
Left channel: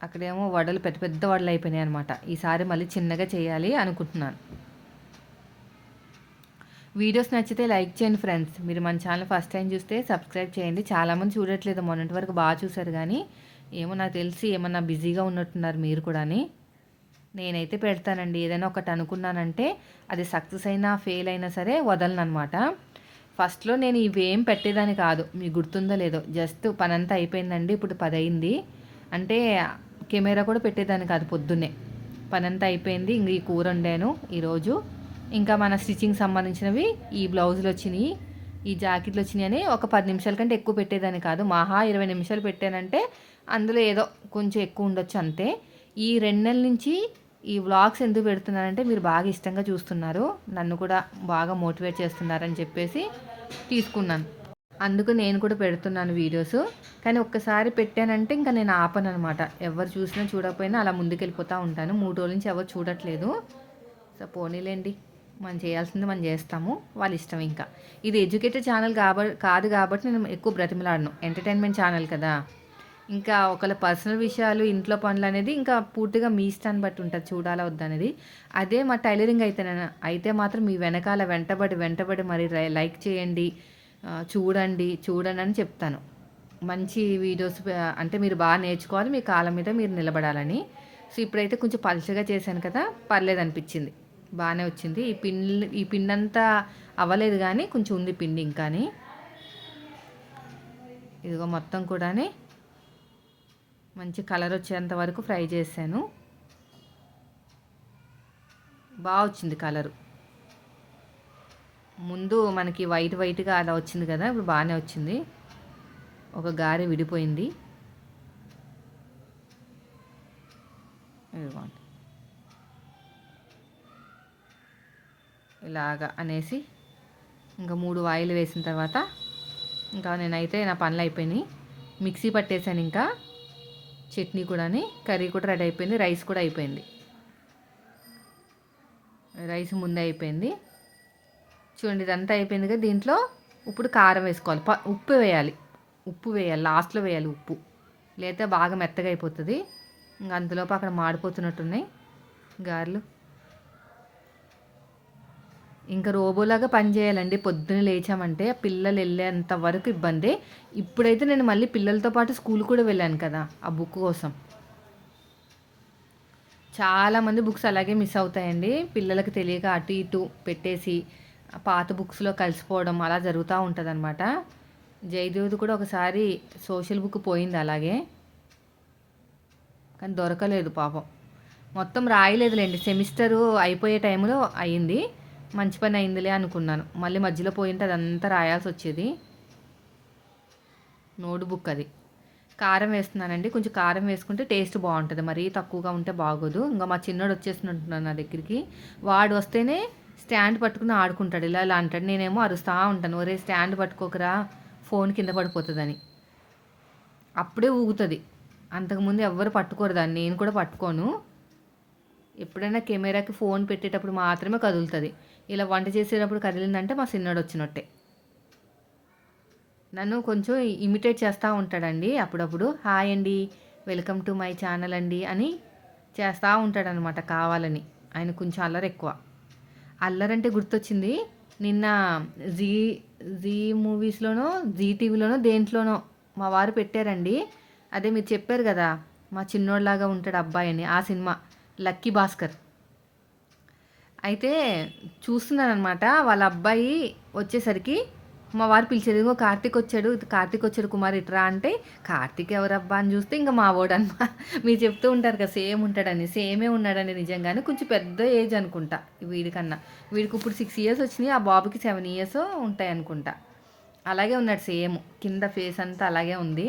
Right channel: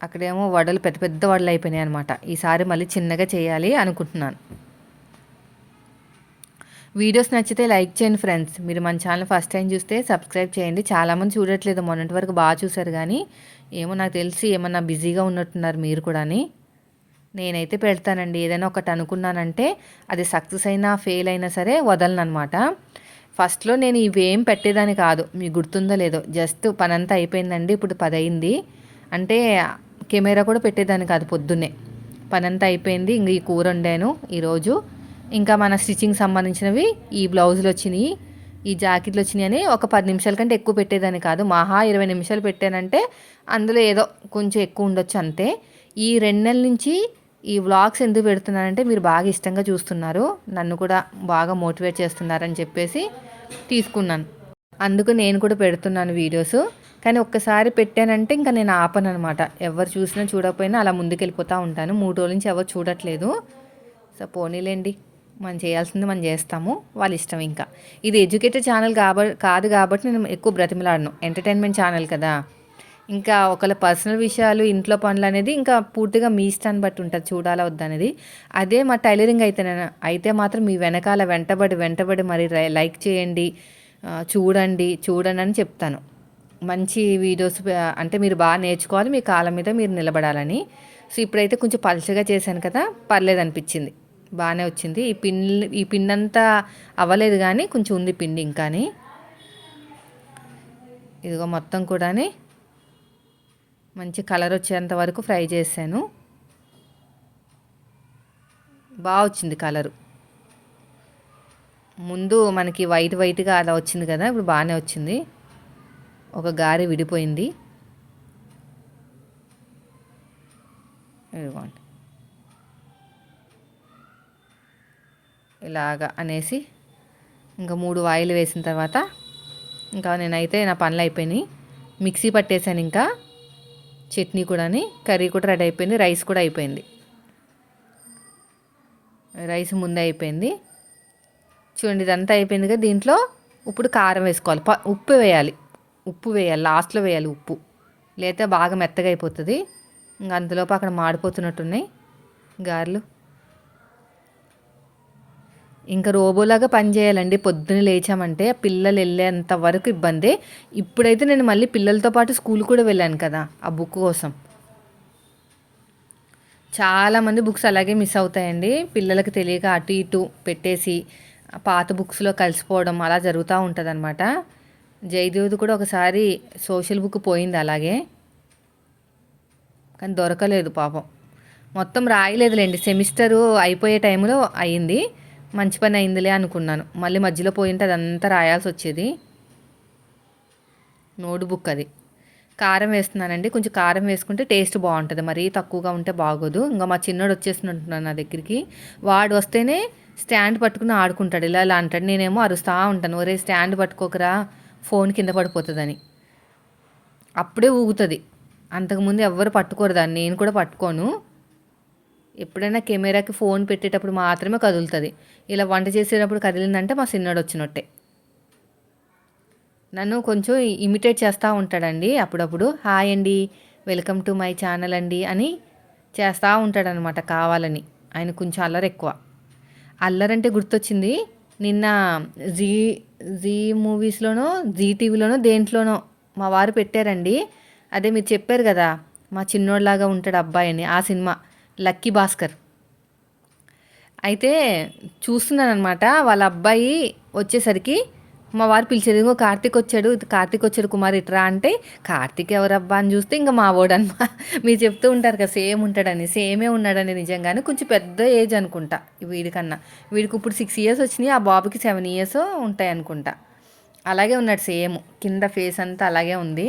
అక్కడేమో వడలు పెద్ద పెద్ద వడలు అయిపోయినాయి అనమాట. ఈసారి మళ్ళీ చిన్నగా చేయాలి అనుకుంటున్నాను. వీడియోస్ నచ్చితే లైక్ చేయండి ఫ్రెండ్స్. మీరు మన ఛానల్ ఫస్ట్ టైం చూస్తే సబ్స్క్రైబ్ చేయండి. చాలామంది చూడట్లేదు, మొన్నటి వరకు బాగా చూసారు, కానీ ఏమో నాకు తెలిసి ఏమన్నా బిజీగా ఉన్నట్టున్నారు మీరు కూడా. నేనైతే పెడతానండి, ఏదైనా ఒకటి అనుకున్నానంటే అది సక్సెస్ అయినా ఫెయిల్ అయినా సరే వదలనమాట. ఫస్ట్లో నేను ఇవేం పెట్టేదాన్ని కాదు, మీకు గుర్తుందో లేదో, జస్ట్ పనంతా అయిపోయిందండి, ఇప్పుడు 10 అయింది అంటే కెమెరా కూడా పెట్టేదాన్ని కాదు. పొద్దున్నే పనంతా అయిపోయింది, ఇంక ఈ కూర వండాను ఈరోజు, ఇంకా మన స్టిచ్చింగ్ సంబంధించినవి ఈ బ్లౌజులు వచ్చినాయి, ఈ జాకెట్లు వచ్చినాయి అని ఒక 10 నిమిషాల కంటే ఎక్కువ పెట్టేదాన్ని కాదు. మహా 20 నిమిషాలు పెట్టానంటే అందులో ఏదో కొంచెం ఎక్కువ ఉండొచ్చు అంతే. ఈ 2 నెలల నుంచి ఈ వ్లాగ్స్ ఎందుకు పెడుతున్నానంటే మీరు బాగా ఇష్టంగా చూస్తున్నారు, నన్ను కూడా బాగా మోటివేట్ చేస్తున్నారని చెప్పేసి తీసుకున్నాను. అందుకు నేను కూడా పెడుతున్నాను వీడియోస్. కానీ ఒక్కసారి పెట్టానంటే ఇంకా నేను ఆపను అనమాట. ఎవరు చూసినా చూడకపోయినా అలా ముందుకెళ్ళిపోతూ ఉంటాను. 3 రోజుల నుంచి ఎవరు చూడట్లేదు. సో పోనీలేండి, మనం చేయాల్సింది మనం చేస్తాము, వాళ్ళ ఇష్టం. ఇంకా ఇది ఎడ్యుకేటెడ్ ఛానల్ కాదు కాబట్టి నేను ఎక్కువ బ్రతిమలాడను, ఎంటర్టైన్మెంట్ ఛానల్ కదా. ఇంకా ఒకళ్ళ పర్సనల్ విషయాలు, ఇంట్లో పనులు అనేది ఇంకా పూర్తిగా మీ ఇష్టాన్ని బట్టి ఉంటుంది, చూడాలా వద్దనేది. అదే మా టైలరింగ్ అయితే మాత్రం మీ వెనకాల వెంటబడి మరి లైక్ చేయండి, చూడండి అని చెప్తాను. మంచి వీడియోస్ అంటే మీరు బాగా నేర్చుకోవాలి, మీ కాళ్ళ మీద మీరు నిలబడాలని. సో ఇప్పుడైతే కొంచెం పలుచగా చేశాను కదా, పర్లేదు అనిపించింది, బాగానే వచ్చింది. ఈ పిండి అంతా అవ్వలేదు, కానీ కొంచెం ఉంది పిండి ఇంకాని. ఇదిగో మొత్తం కూడా మంచి కలర్ వచ్చేంత వరకు ఫ్రై చేశాను. బాగా వచ్చింది కలరు. ముందు మనకి వైట్గా అలా వచ్చింది కదా, ఇప్పుడు బాగానే వచ్చింది. ఒక గారె విడిపోయింది. ఇదిగోండి ఇలాగా అనేసి ఇంకా 3 ఆయిల్ వేసిన తర్వాత ఇంకా నేనైతే నా పనులు అయిపోయినాయి. మిక్సీ పట్టేశాను, ఇంకా చట్నీ కూడా, కర్రీ కూడా రెడీ అయిపోయింది, రైస్ కూడా అయిపోయింది. రైస్ ముందే అయిపోయింది. చూడండి ఇదంతా అయిపోయింది కదా, దీంట్లో ఇప్పుడు కారం వేసుకోవాలి, ఉప్పు వేయాలి లాస్ట్లో వేయాలి ఉప్పు, లేకపోతే బాగా మెత్తగా అయిపోతుంది. ఇంకా అంతలోపు అక్కడ మాడిపోతున్నట్టున్నాయి గారెలు. ఇంకా రోబోలాగా పని చేయాలండి, పొద్దున్న లేచామంటే పిల్లలు వెళ్ళేంత వరకు ఇబ్బంది. ఇప్పుడైతే నేను మళ్ళీ పిల్లలతో పాటు స్కూల్ కూడా వెళ్ళాను కదా ఆ బుక్ కోసం. చాలామంది బుక్స్ అలాగే మిస్ అవుతాయండి, పిల్లలకి తెలియక అటు ఇటు పెట్టేసి పాత బుక్స్లో కలిసిపోవడం అలా జరుగుతూ ఉంటుంది అనమాట. జయదేవ్ది కూడా ఒకసారి సోషల్ బుక్ పోయింది అలాగే, కానీ దొరకలేదు పాపం. మొత్తం రాయలేదులేండి, సెమిస్టరు అయిపోయే టైంలో అయింది. మంచి పని అయిందిలే అనుకున్నాను, మళ్ళీ మధ్యలో పోయింటే అదంతా రాయాల్సి వచ్చేది. నోట్బుక్ అది. కారం వేస్తున్నానండి, కొంచెం కారం వేసుకుంటే టేస్ట్ బాగుంటుంది, మరీ తక్కువగా ఉంటే బాగోదు. ఇంకా మా చిన్నోడు వచ్చేసినట్టున్నాను నా దగ్గరికి, వాడు వస్తేనే స్టాండ్ పట్టుకుని ఆడుకుంటాడు, ఇలా ఇలా అంటాడు. నేనేమో అరుస్తూ ఉంటాను, ఒరే స్టాండ్ పట్టుకోకరా ఫోన్ కింద పడిపోతుందని. అప్పుడే ఊగుతుంది. అంతకుముందు ఎవ్వరు పట్టుకోరు దాన్ని, నేను కూడా పట్టుకోను. ఎప్పుడైనా కెమెరాకి ఫోన్ పెట్టేటప్పుడు మాత్రమే కదులుతుంది. ఇలా వంట చేసేటప్పుడు కదిలిందంటే మా చిన్నోడు వచ్చినట్టే. నన్ను కొంచెం ఇమిటేట్ చేస్తూ ఉంటాడండి అప్పుడప్పుడు. హాయ్ అండి, వెల్కమ్ టు మై ఛానల్ అండి అని చేస్తూ ఉంటాడనమాట కావాలని. ఆయన కొంచెం అల్లరి ఎక్కువ. అల్లరంటే గుర్తొచ్చింది, నిన్న జీ జీ మూవీస్లోనో జీ టీవీలోనో దేంట్లోనో మా వారు పెట్టారండి. అదే మీరు చెప్పారు కదా మా చిన్నోళ్ళలాగా ఉంటాడు అబ్బాయి అని, ఆ సినిమా లక్కీ భాస్కర్. అయితే చూస్తున్నాను అనమాట. వాళ్ళ అబ్బాయి వచ్చేసరికి మా వారు పిలిచారు, ఇంకో కార్తీక్ వచ్చాడు, కార్తీక్ వచ్చాడు కుమార్ ఇట్రా అంటే, కార్తీక్ ఎవరబ్బా అని చూస్తే ఇంకా మా వాడనమా. మీరు చెప్తూ ఉంటారు కదా సేమ్ ఉంటాడని, సేమే ఉన్నాడని. నిజంగానే కొంచెం పెద్ద ఏజ్ అనుకుంటా వీడికన్నా. వీడికి ఇప్పుడు 6 ఇయర్స్ వచ్చినాయి, ఆ బాబుకి 7 ఇయర్స్ ఉంటాయి అనుకుంటా. అలాగే ఉన్నాడు సేమ్, కింద ఫేస్ అంతా అలాగే ఉంది.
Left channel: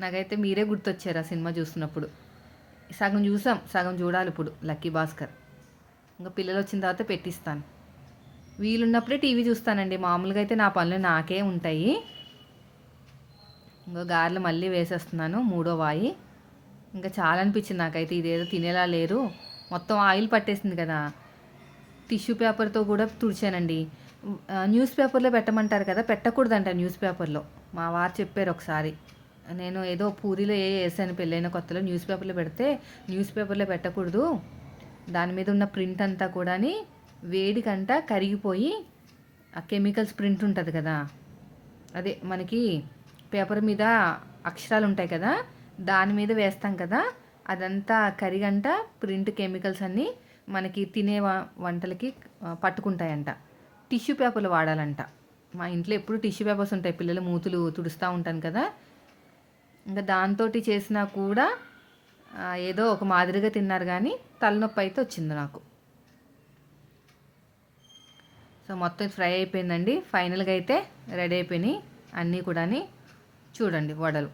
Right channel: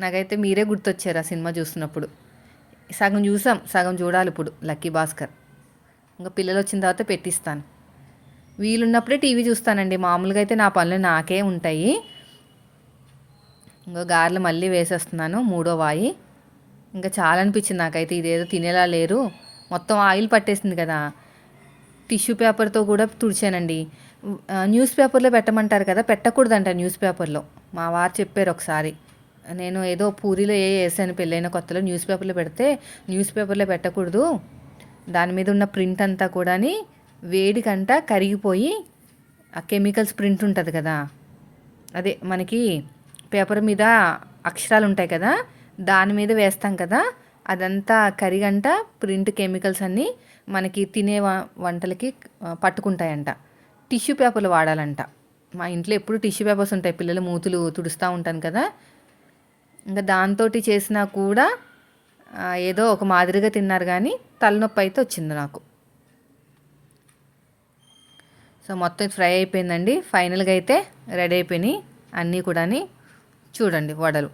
నాకైతే మీరే గుర్తొచ్చారు ఆ సినిమా చూస్తున్నప్పుడు. సగం చూసాం, సగం చూడాలి ఇప్పుడు లక్కీ భాస్కర్. ఇంకా పిల్లలు వచ్చిన తర్వాత పెట్టిస్తాను. వీలున్నప్పుడే టీవీ చూస్తానండి, మామూలుగా అయితే నా పనులు నాకే ఉంటాయి. ఇంకా గారెలు మళ్ళీ వేసేస్తున్నాను, 3వ వాయి. ఇంకా చాలా అనిపించింది నాకైతే, ఇదేదో తినేలా లేరు, మొత్తం ఆయిల్ పట్టేసింది కదా. టిష్యూ పేపర్తో కూడా తుడిచానండి. న్యూస్ పేపర్లో పెట్టమంటారు కదా, పెట్టకూడదంట న్యూస్ పేపర్లో. మా వారు చెప్పారు ఒకసారి. నేను ఏదో పూరీలో వేసాను పెళ్ళైన కొత్తలో, న్యూస్ పేపర్లో పెడితే న్యూస్ పేపర్లో పెట్టకూడదు, దాని మీద ఉన్న ప్రింట్ అంతా కూడా వేడికంట కరిగిపోయి ఆ కెమికల్స్ ప్రింట్ ఉంటుంది కదా, అదే మనకి పేపర్ మీద అక్షరాలు ఉంటాయి కదా, దాని మీద వేస్తాం కదా, అదంతా కరిగంట ప్రింట్ కెమికల్స్ అన్నీ మనకి తినే వంటలకి పట్టుకుంటాయంట. టిష్యూ పేపర్లు వాడాలంట. మా ఇంట్లో ఎప్పుడు టిష్యూ పేపర్స్ ఉంటాయి, పిల్లలు మూతులు తుడుస్తూ ఉంటాను కదా. ఇంకా దాంతో చేసినా కూడా ఏదో ఒక మాదిరిగా తిన్నారు, కానీ తలనొప్పి అయితే వచ్చింది నాకు. సో మొత్తం ఫ్రై అయిపోయిందండి. ఫైనల్గా అయితే రెడీ అయిపోయినాయి అన్నీ కూడా. చూడండి వడలు.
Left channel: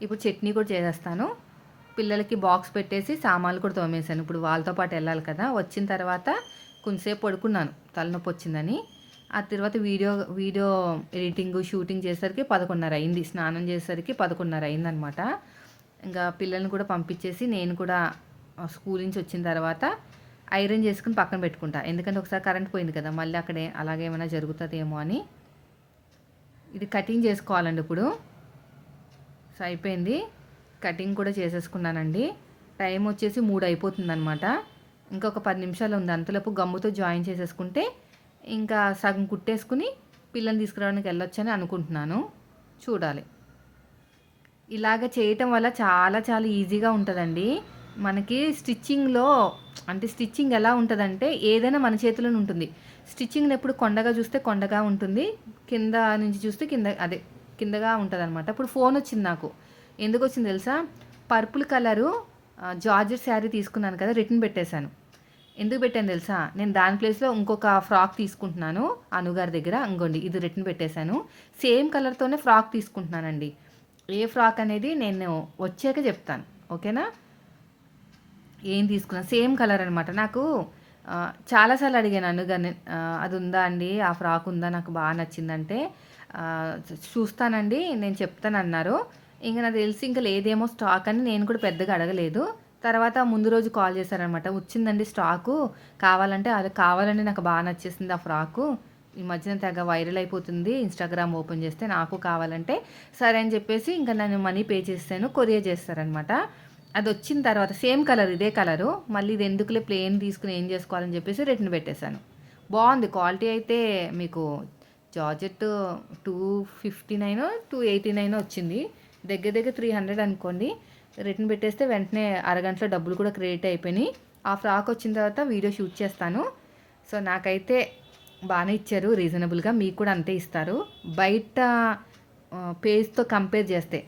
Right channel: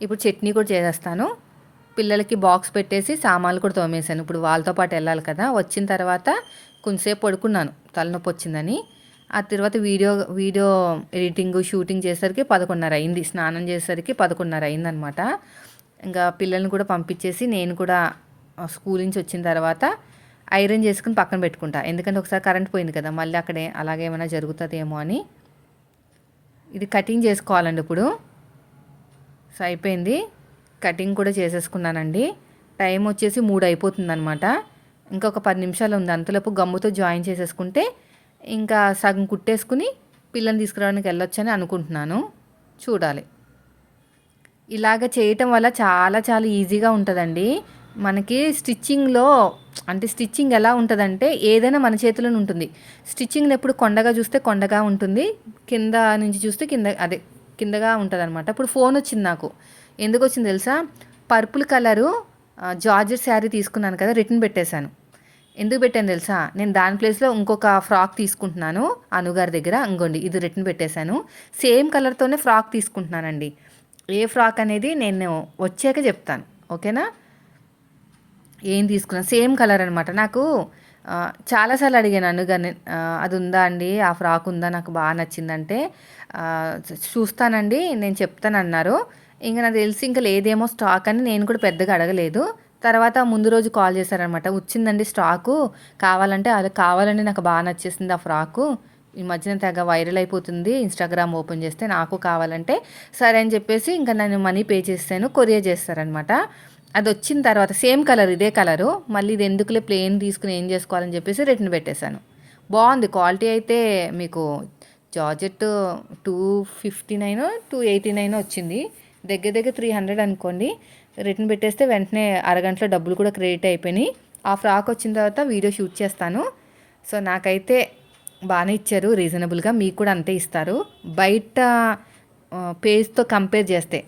ఇప్పుడు చట్నీ కూడా చేసేస్తాను. పిల్లలకి బాక్స్ పెట్టేసి సామాన్లు కూడా తోమేశాను. ఇప్పుడు వాళ్ళతో పాటు వెళ్ళాలి కదా. వచ్చిన తర్వాత కొంచెంసేపు పడుకున్నాను, తలనొప్పి వచ్చిందని. ఆ తర్వాత వీడియో ఎడిటింగ్ షూటింగ్ చేసేసరికి 11:30 అయింది. స్నానం చేసేసరికి 11:30 అయిందనమాట. ఇంకా పిల్లల్ని కూడా పంపించేసి నేను కూడా స్కూల్ నుంచి వచ్చిన తర్వాత ఐరన్ చేసుకుని పక్కన పెట్టుకుంటా. ఎందుకంటే ఒకసారి కరెంట్ పోయింది కదా, మళ్ళీ అక్కడే అలాగే ఏమైనా జరుగుతుందేమో అని. ఇది కటింగ్ చేసుకోవాలండి ఇప్పుడు. సో అయిపోయింది, కటింగ్ కూడా చేసేసుకున్నానండి. టైం వచ్చేసి 3 అయిపోతుందనమాట. ఇంకొక 10 నిమిషాలు ఉంది. అంతలోపు గమ్ముతో జాయిన్ చేసేసుకుంటే ఇంకా సగం కుట్టేసుకుని పిల్లల్ని తీసుకురావడానికి వెళ్ళొచ్చని అనుకుంటున్నాను. చూడాలి. ఇలాగ చేయటం వల్ల చాలా చాలా ఈజీగా ఉంటుందండి మనకి. స్టిచ్చింగ్లో అంటే స్టిచ్చింగ్ ఎలా ఉంటుందంటే ఏదైనా మన చేతిలోనే ఉంటుంది. స్టిచ్చింగ్ని ఎప్పుడు కొండగా చూస్తే కొండగా ఉంటుంది, కింద నుంచి చూస్తే కిందగా ఉంటుంది అనమాట. ఇప్పుడు ఫోన్ వచ్చింది నాకు. ఎందుకు వచ్చింది తెలుసా? పర్పుల్ కలరు జార్జెట్ శారీ తీసుకున్నాను కదా, రిటర్న్ పెట్టేశాను. ఎందుకు పెట్టాను తెలుసా? నేను దాని ప్లేస్లో ఇంకొక ఫ్రాక్ తీసుకుంటున్నాను అనుగారి దగ్గర. ఇంకోండి ఇది రిటర్న్ పెట్టేశాను. సేమ్ కలర్తోనే ఫ్రాక్ తీసుకుంటున్నానండి. ఏ ఫ్రాక్ అనేది నేను వచ్చాక చెప్తాను, ఓకేనా? ఏం తీసుకున్నా సేమ్ కలర్ అనమాట. నాకు చాలాసార్లు అడిగాను అనుగానే, అది ఉందా అండి, ఆ ఫ్రాక్ ఉందా, నాకు బాగా నచ్చిందంటే చూస్తానండి నేను చెప్తానన్నారు. ఇంకా నాకు తెలిసి ఇంకా లేదేమో స్టాక్ అని నేను కూడా పెద్దగా అడగలేదు. తర్వాత ముందు రోజు కాల్ చేశారనమాట, వచ్చిందండి స్టాకు, కావాలంటే. అది కావాలండి, నాకు బాగా నచ్చేసింది ఆ ఫ్రాకు, ఈ మధ్యన తెగ వైరల్ అయిపోతుంది ఇన్స్టాగ్రామ్ ఓపెన్ చేస్తే, నాకు కావాలంటే సరే అని చెప్పేసి ఇంకా నేను మనీ పే చేస్తాను, కొరియర్ చేస్తారనమాట. అది వచ్చిన తర్వాత సేమ్ కలర్, ఇదే కలరు, మళ్ళీ ఇది ఎందుకులే ప్లెయిన్ తీసుకుని ఏం చేసుకోవాలని చెప్పేసి రిటర్న్ పెట్టేశాను. బాగుంది క్వాలిటీ అయితే. మీకు జార్జెట్ 259 289 వచ్చింది, దగ్గర దగ్గర 300 అనుకోండి. రిటర్న్ పెట్టేస్తే వెంటనే అరగంటలో డబ్బులు కూడా క్రెడిట్ అయిపోయినాయి. ఆ ఫ్రాక్ వచ్చిన తర్వాత వీడియో షూట్ చేస్తాను. సో నాకైతే బాగానే ఇచ్చారు రీజనబుల్గా, మీకు కూడా అంతే ఇస్తారు. బయట పేజ్తో కంపేర్ చేస్తే,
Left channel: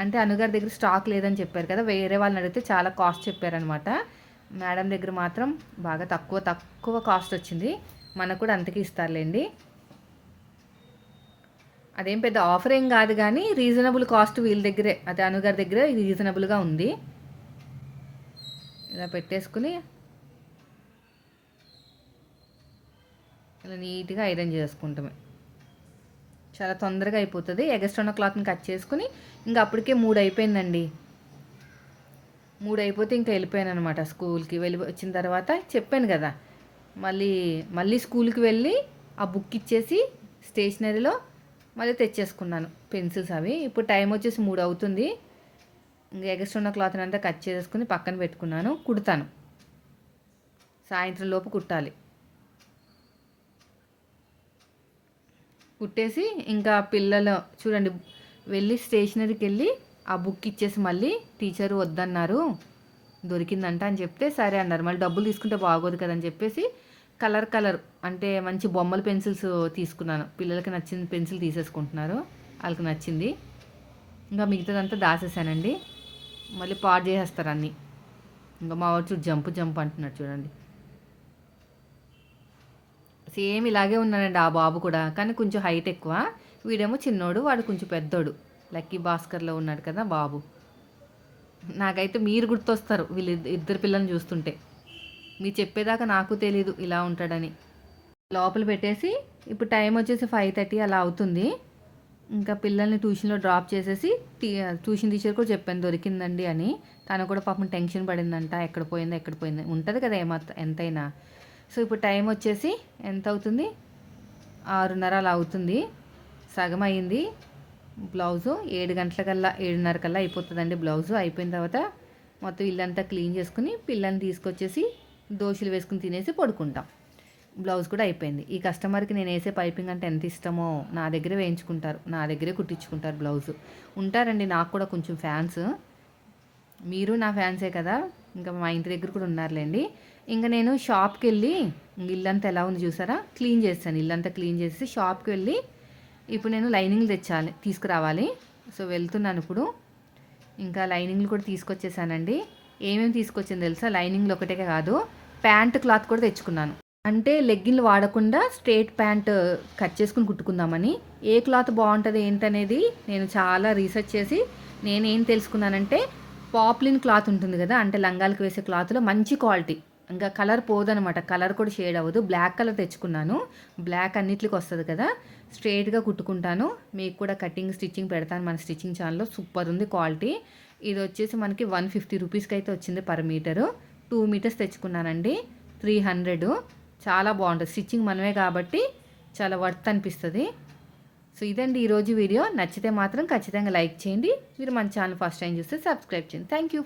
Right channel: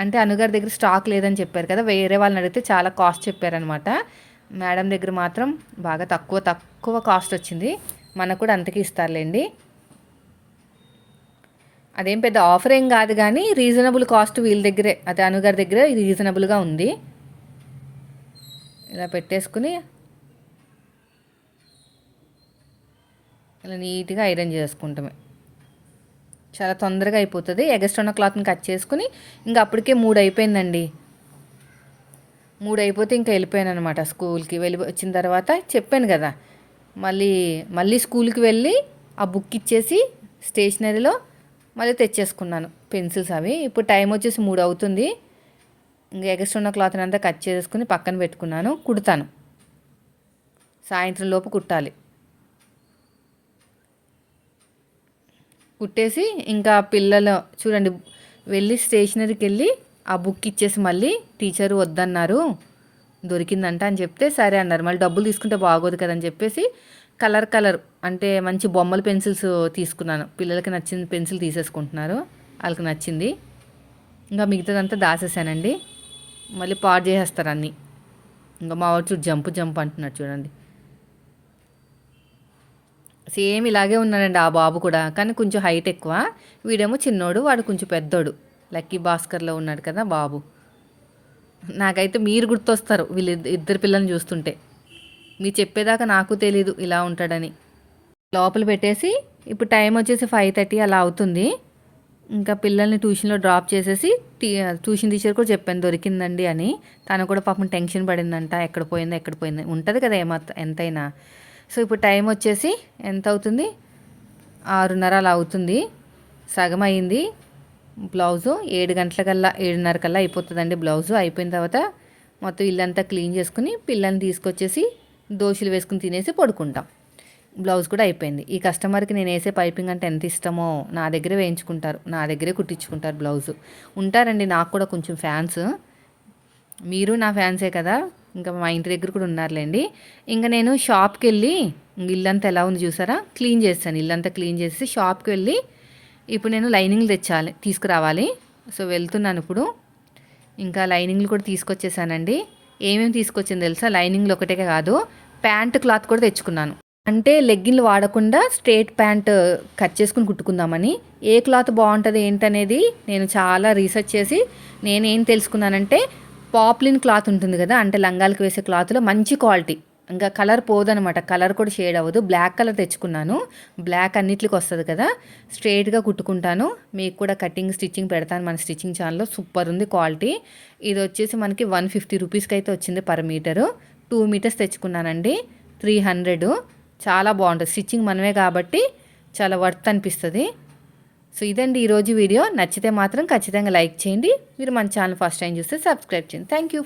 అంటే అనుగారి దగ్గర స్టాక్ లేదని చెప్పారు కదా, వేరే వాళ్ళని అడిగితే చాలా కాస్ట్ చెప్పారనమాట. మేడం దగ్గర మాత్రం బాగా తక్కువ కాస్ట్ వచ్చింది. మనకు కూడా అంతకి ఇస్తారులేండి. అదేం పెద్ద ఆఫర్ ఏం కాదు, కానీ రీజనబుల్ కాస్ట్ వీళ్ళ దగ్గరే, అదే అనుగారి దగ్గర ఇది రీజనబుల్గా ఉంది. ఇలా పెట్టేసుకుని ఇలా నీట్గా ఐరన్ చేసుకుంటామే. చాలా తొందరగా అయిపోతుంది. ఎగస్ట్రా ఉన్న క్లాత్ని కట్ చేసుకుని ఇంకా అప్పటికే 3 అయిపోయిందండి. 3 అయిపోతే ఇంకా వెళ్ళిపోయాను అనమాట స్కూల్కి. వెళ్ళి వచ్చిన తర్వాత చెప్పాను కదా, మళ్ళీ స్కూల్కి వెళ్ళి ఆ బుక్ ఇచ్చేసి స్టేషనరీలో మళ్ళీ తెచ్చేసుకున్నాను పెన్సిల్స్ అవి. ఇప్పుడు టైం వచ్చేసి 3 అవుతుంది. ఇంకా ఎగస్ట్రా ఉన్న క్లాత్ని అంతా కట్ చేసుకుని పక్కన పెట్టుకున్నాను. కుడతాను, సాయంత్రం లోపు కుట్టాలి. కుట్టేసి ఇంకా పిల్లలు చూడండి, వెళ్ళి స్టేషనరీకి వెళ్ళి ఆ బుక్ ఇచ్చేసి మళ్ళీ టీచరు వద్దన్నారు, దొరికిందంట అని చెప్తే సరే అన్నారు. మళ్ళీ డబ్బులు తీసుకుంటే బాగోదు కదని చెప్పేసి కలర్ అంటే మంచి బొమ్మల పెన్సిల్స్ తీసుకున్నాను. పిల్లలకి నచ్చిన పెన్సిల్ తీసేసుకుంటున్నారు, వాళ్ళకి నచ్చింది. ఇంకా మిగతాదంతా దాసేసానండి. మళ్ళీ పాడు చేసేస్తారు అన్నీ. ఇంకా మా వాడు చూడు జంప్ అంటున్నాడు చూడండి. సేమ్ ఇలాగే ఉన్నాడండి ఆ బాబు కూడా, కానీ కొంచెం హైట్ ఎక్కువ. వీడేమో చిన్నోడు, వాడు కొంచెం పెద్దోడు. లక్కీ భాస్కర్లో ఉన్నాడు కదా బాబు. నాకైతే మీరు గుర్తొస్తారు వీళ్ళు ఇద్దరు పిల్లల్ని చూస్తుంటే. మీరు చెప్పేదాకా నాకు తెలీదు ఇలా ఉంటాడని. లోపల పెట్టేసి ఇప్పుడు టైం వచ్చేసి 5:30 అలా అవుతుంది. ఇంకా పిల్లల్ని ట్యూషన్లో డ్రాప్ చేసేసి ట్యూషన్ టీచర్ కూడా చెప్పాను దొరికిందండి అని. తను కూడా పాపం టెన్షన్ పడిందంట, ఎక్కడ పోయింది ఉంటుంది కదా ఎంతైనా. సో ఇప్పుడు టైం వచ్చేసి ఎంత అవుతుంది, 6:30 అలా అవుతుంది. సగం అయింది బ్లౌజు. 7 గంటలకల్లా 7:30 కల్లా అయిపోతుందండి బ్లౌజు. అయిపోయిన తర్వాత మొత్తం ఇల్లంతా క్లీన్ చేసుకుని పిల్లల్ని తీసుకొచ్చేసి దోశలు వేసుకుని తినేసి పడుకుంటాం. బ్లౌజ్ కూడా అయిపోయింది. ఈ కస్టమర్కి నేను వేసే పైపింగ్ అంటే ఎంత ఇష్టమో, నా దగ్గరే వేయించుకుంటారు, నా దగ్గరే కుట్టించుకుంటారు బ్లౌజు. ఉంటారండి నాకు కూడా కొంచెం ఫ్యాన్స్. మీరు నా ఫ్యాన్సే కదా, ఇంకా మా ఇంటి దగ్గర కూడా ఉన్నారులేండి. ఇంకా నేను షాప్కి వెళ్ళి ఇల్లంతా ఎలా ఉంది చూసారా, క్లీన్ చేస్తాను. ఇల్లంతా క్లీన్ చేసి షాప్కి వెళ్ళి ఇప్పుడు నేను లైనింగ్లు తీసుకురావాలి. సో వెళ్తున్నాను ఇప్పుడు. ఇంకా లైనింగ్లు కూడా తీసుకొచ్చేసానండి. ఏమేమి తీసుకొచ్చింది తెలుసా, లైనింగ్లు ఒకటే కాదు, ప్యాంట్ క్లాత్ కూడా తెచ్చుకున్నాను. అంటే లెగ్గిన్లు వాడకుండా స్ట్రేట్ ప్యాంట్ కట్ చేసుకుని కుట్టుకుందామని. ఏ క్లాత్ బాగుంటుంది ఏంటనేది నేను చాలా రీసెర్చ్ చేసి నేనేం తెలుసుకున్నానంటే, పాప్లిన్ క్లాత్ ఉంటుంది కదా, అంటే లంగాలకు వేసే క్లాత్లో మంచి క్వాలిటీ, ఇంకా కలర్ పోదనమాట, కలర్ కూడా షేడ్ అవ్వదు. బ్లాక్ కలర్ తెచ్చుకున్నాను. బ్లాక్ అన్నిటికి వస్తుంది కదా, స్ట్రేట్గా కుట్టుకుంటాను. మీకు కూడా కటింగ్ స్టిచ్చింగ్ పెడతాను మన స్టిచ్చింగ్ ఛానల్లో. సూపర్ ఉంది క్వాలిటీ. ఇది వచ్చేసి మనకి 150 రూపీస్కి అయితే వచ్చింది పర్ మీటరు. 2 మీటర్స్ తెచ్చుకున్నానండి, 300. చాలా బాగుంటుంది. స్టిచ్చింగ్ మనమే కాబట్టి చాలా వర్త్ అనిపిస్తుంది. సో ఇదండి ఈరోజు వీడియో. నచ్చితే మాత్రం ఖచ్చితంగా లైక్ చేయండి. మీరు మన ఛానల్ ఫస్ట్ టైం చూస్తే సబ్స్క్రైబ్ చేయండి. Thank you.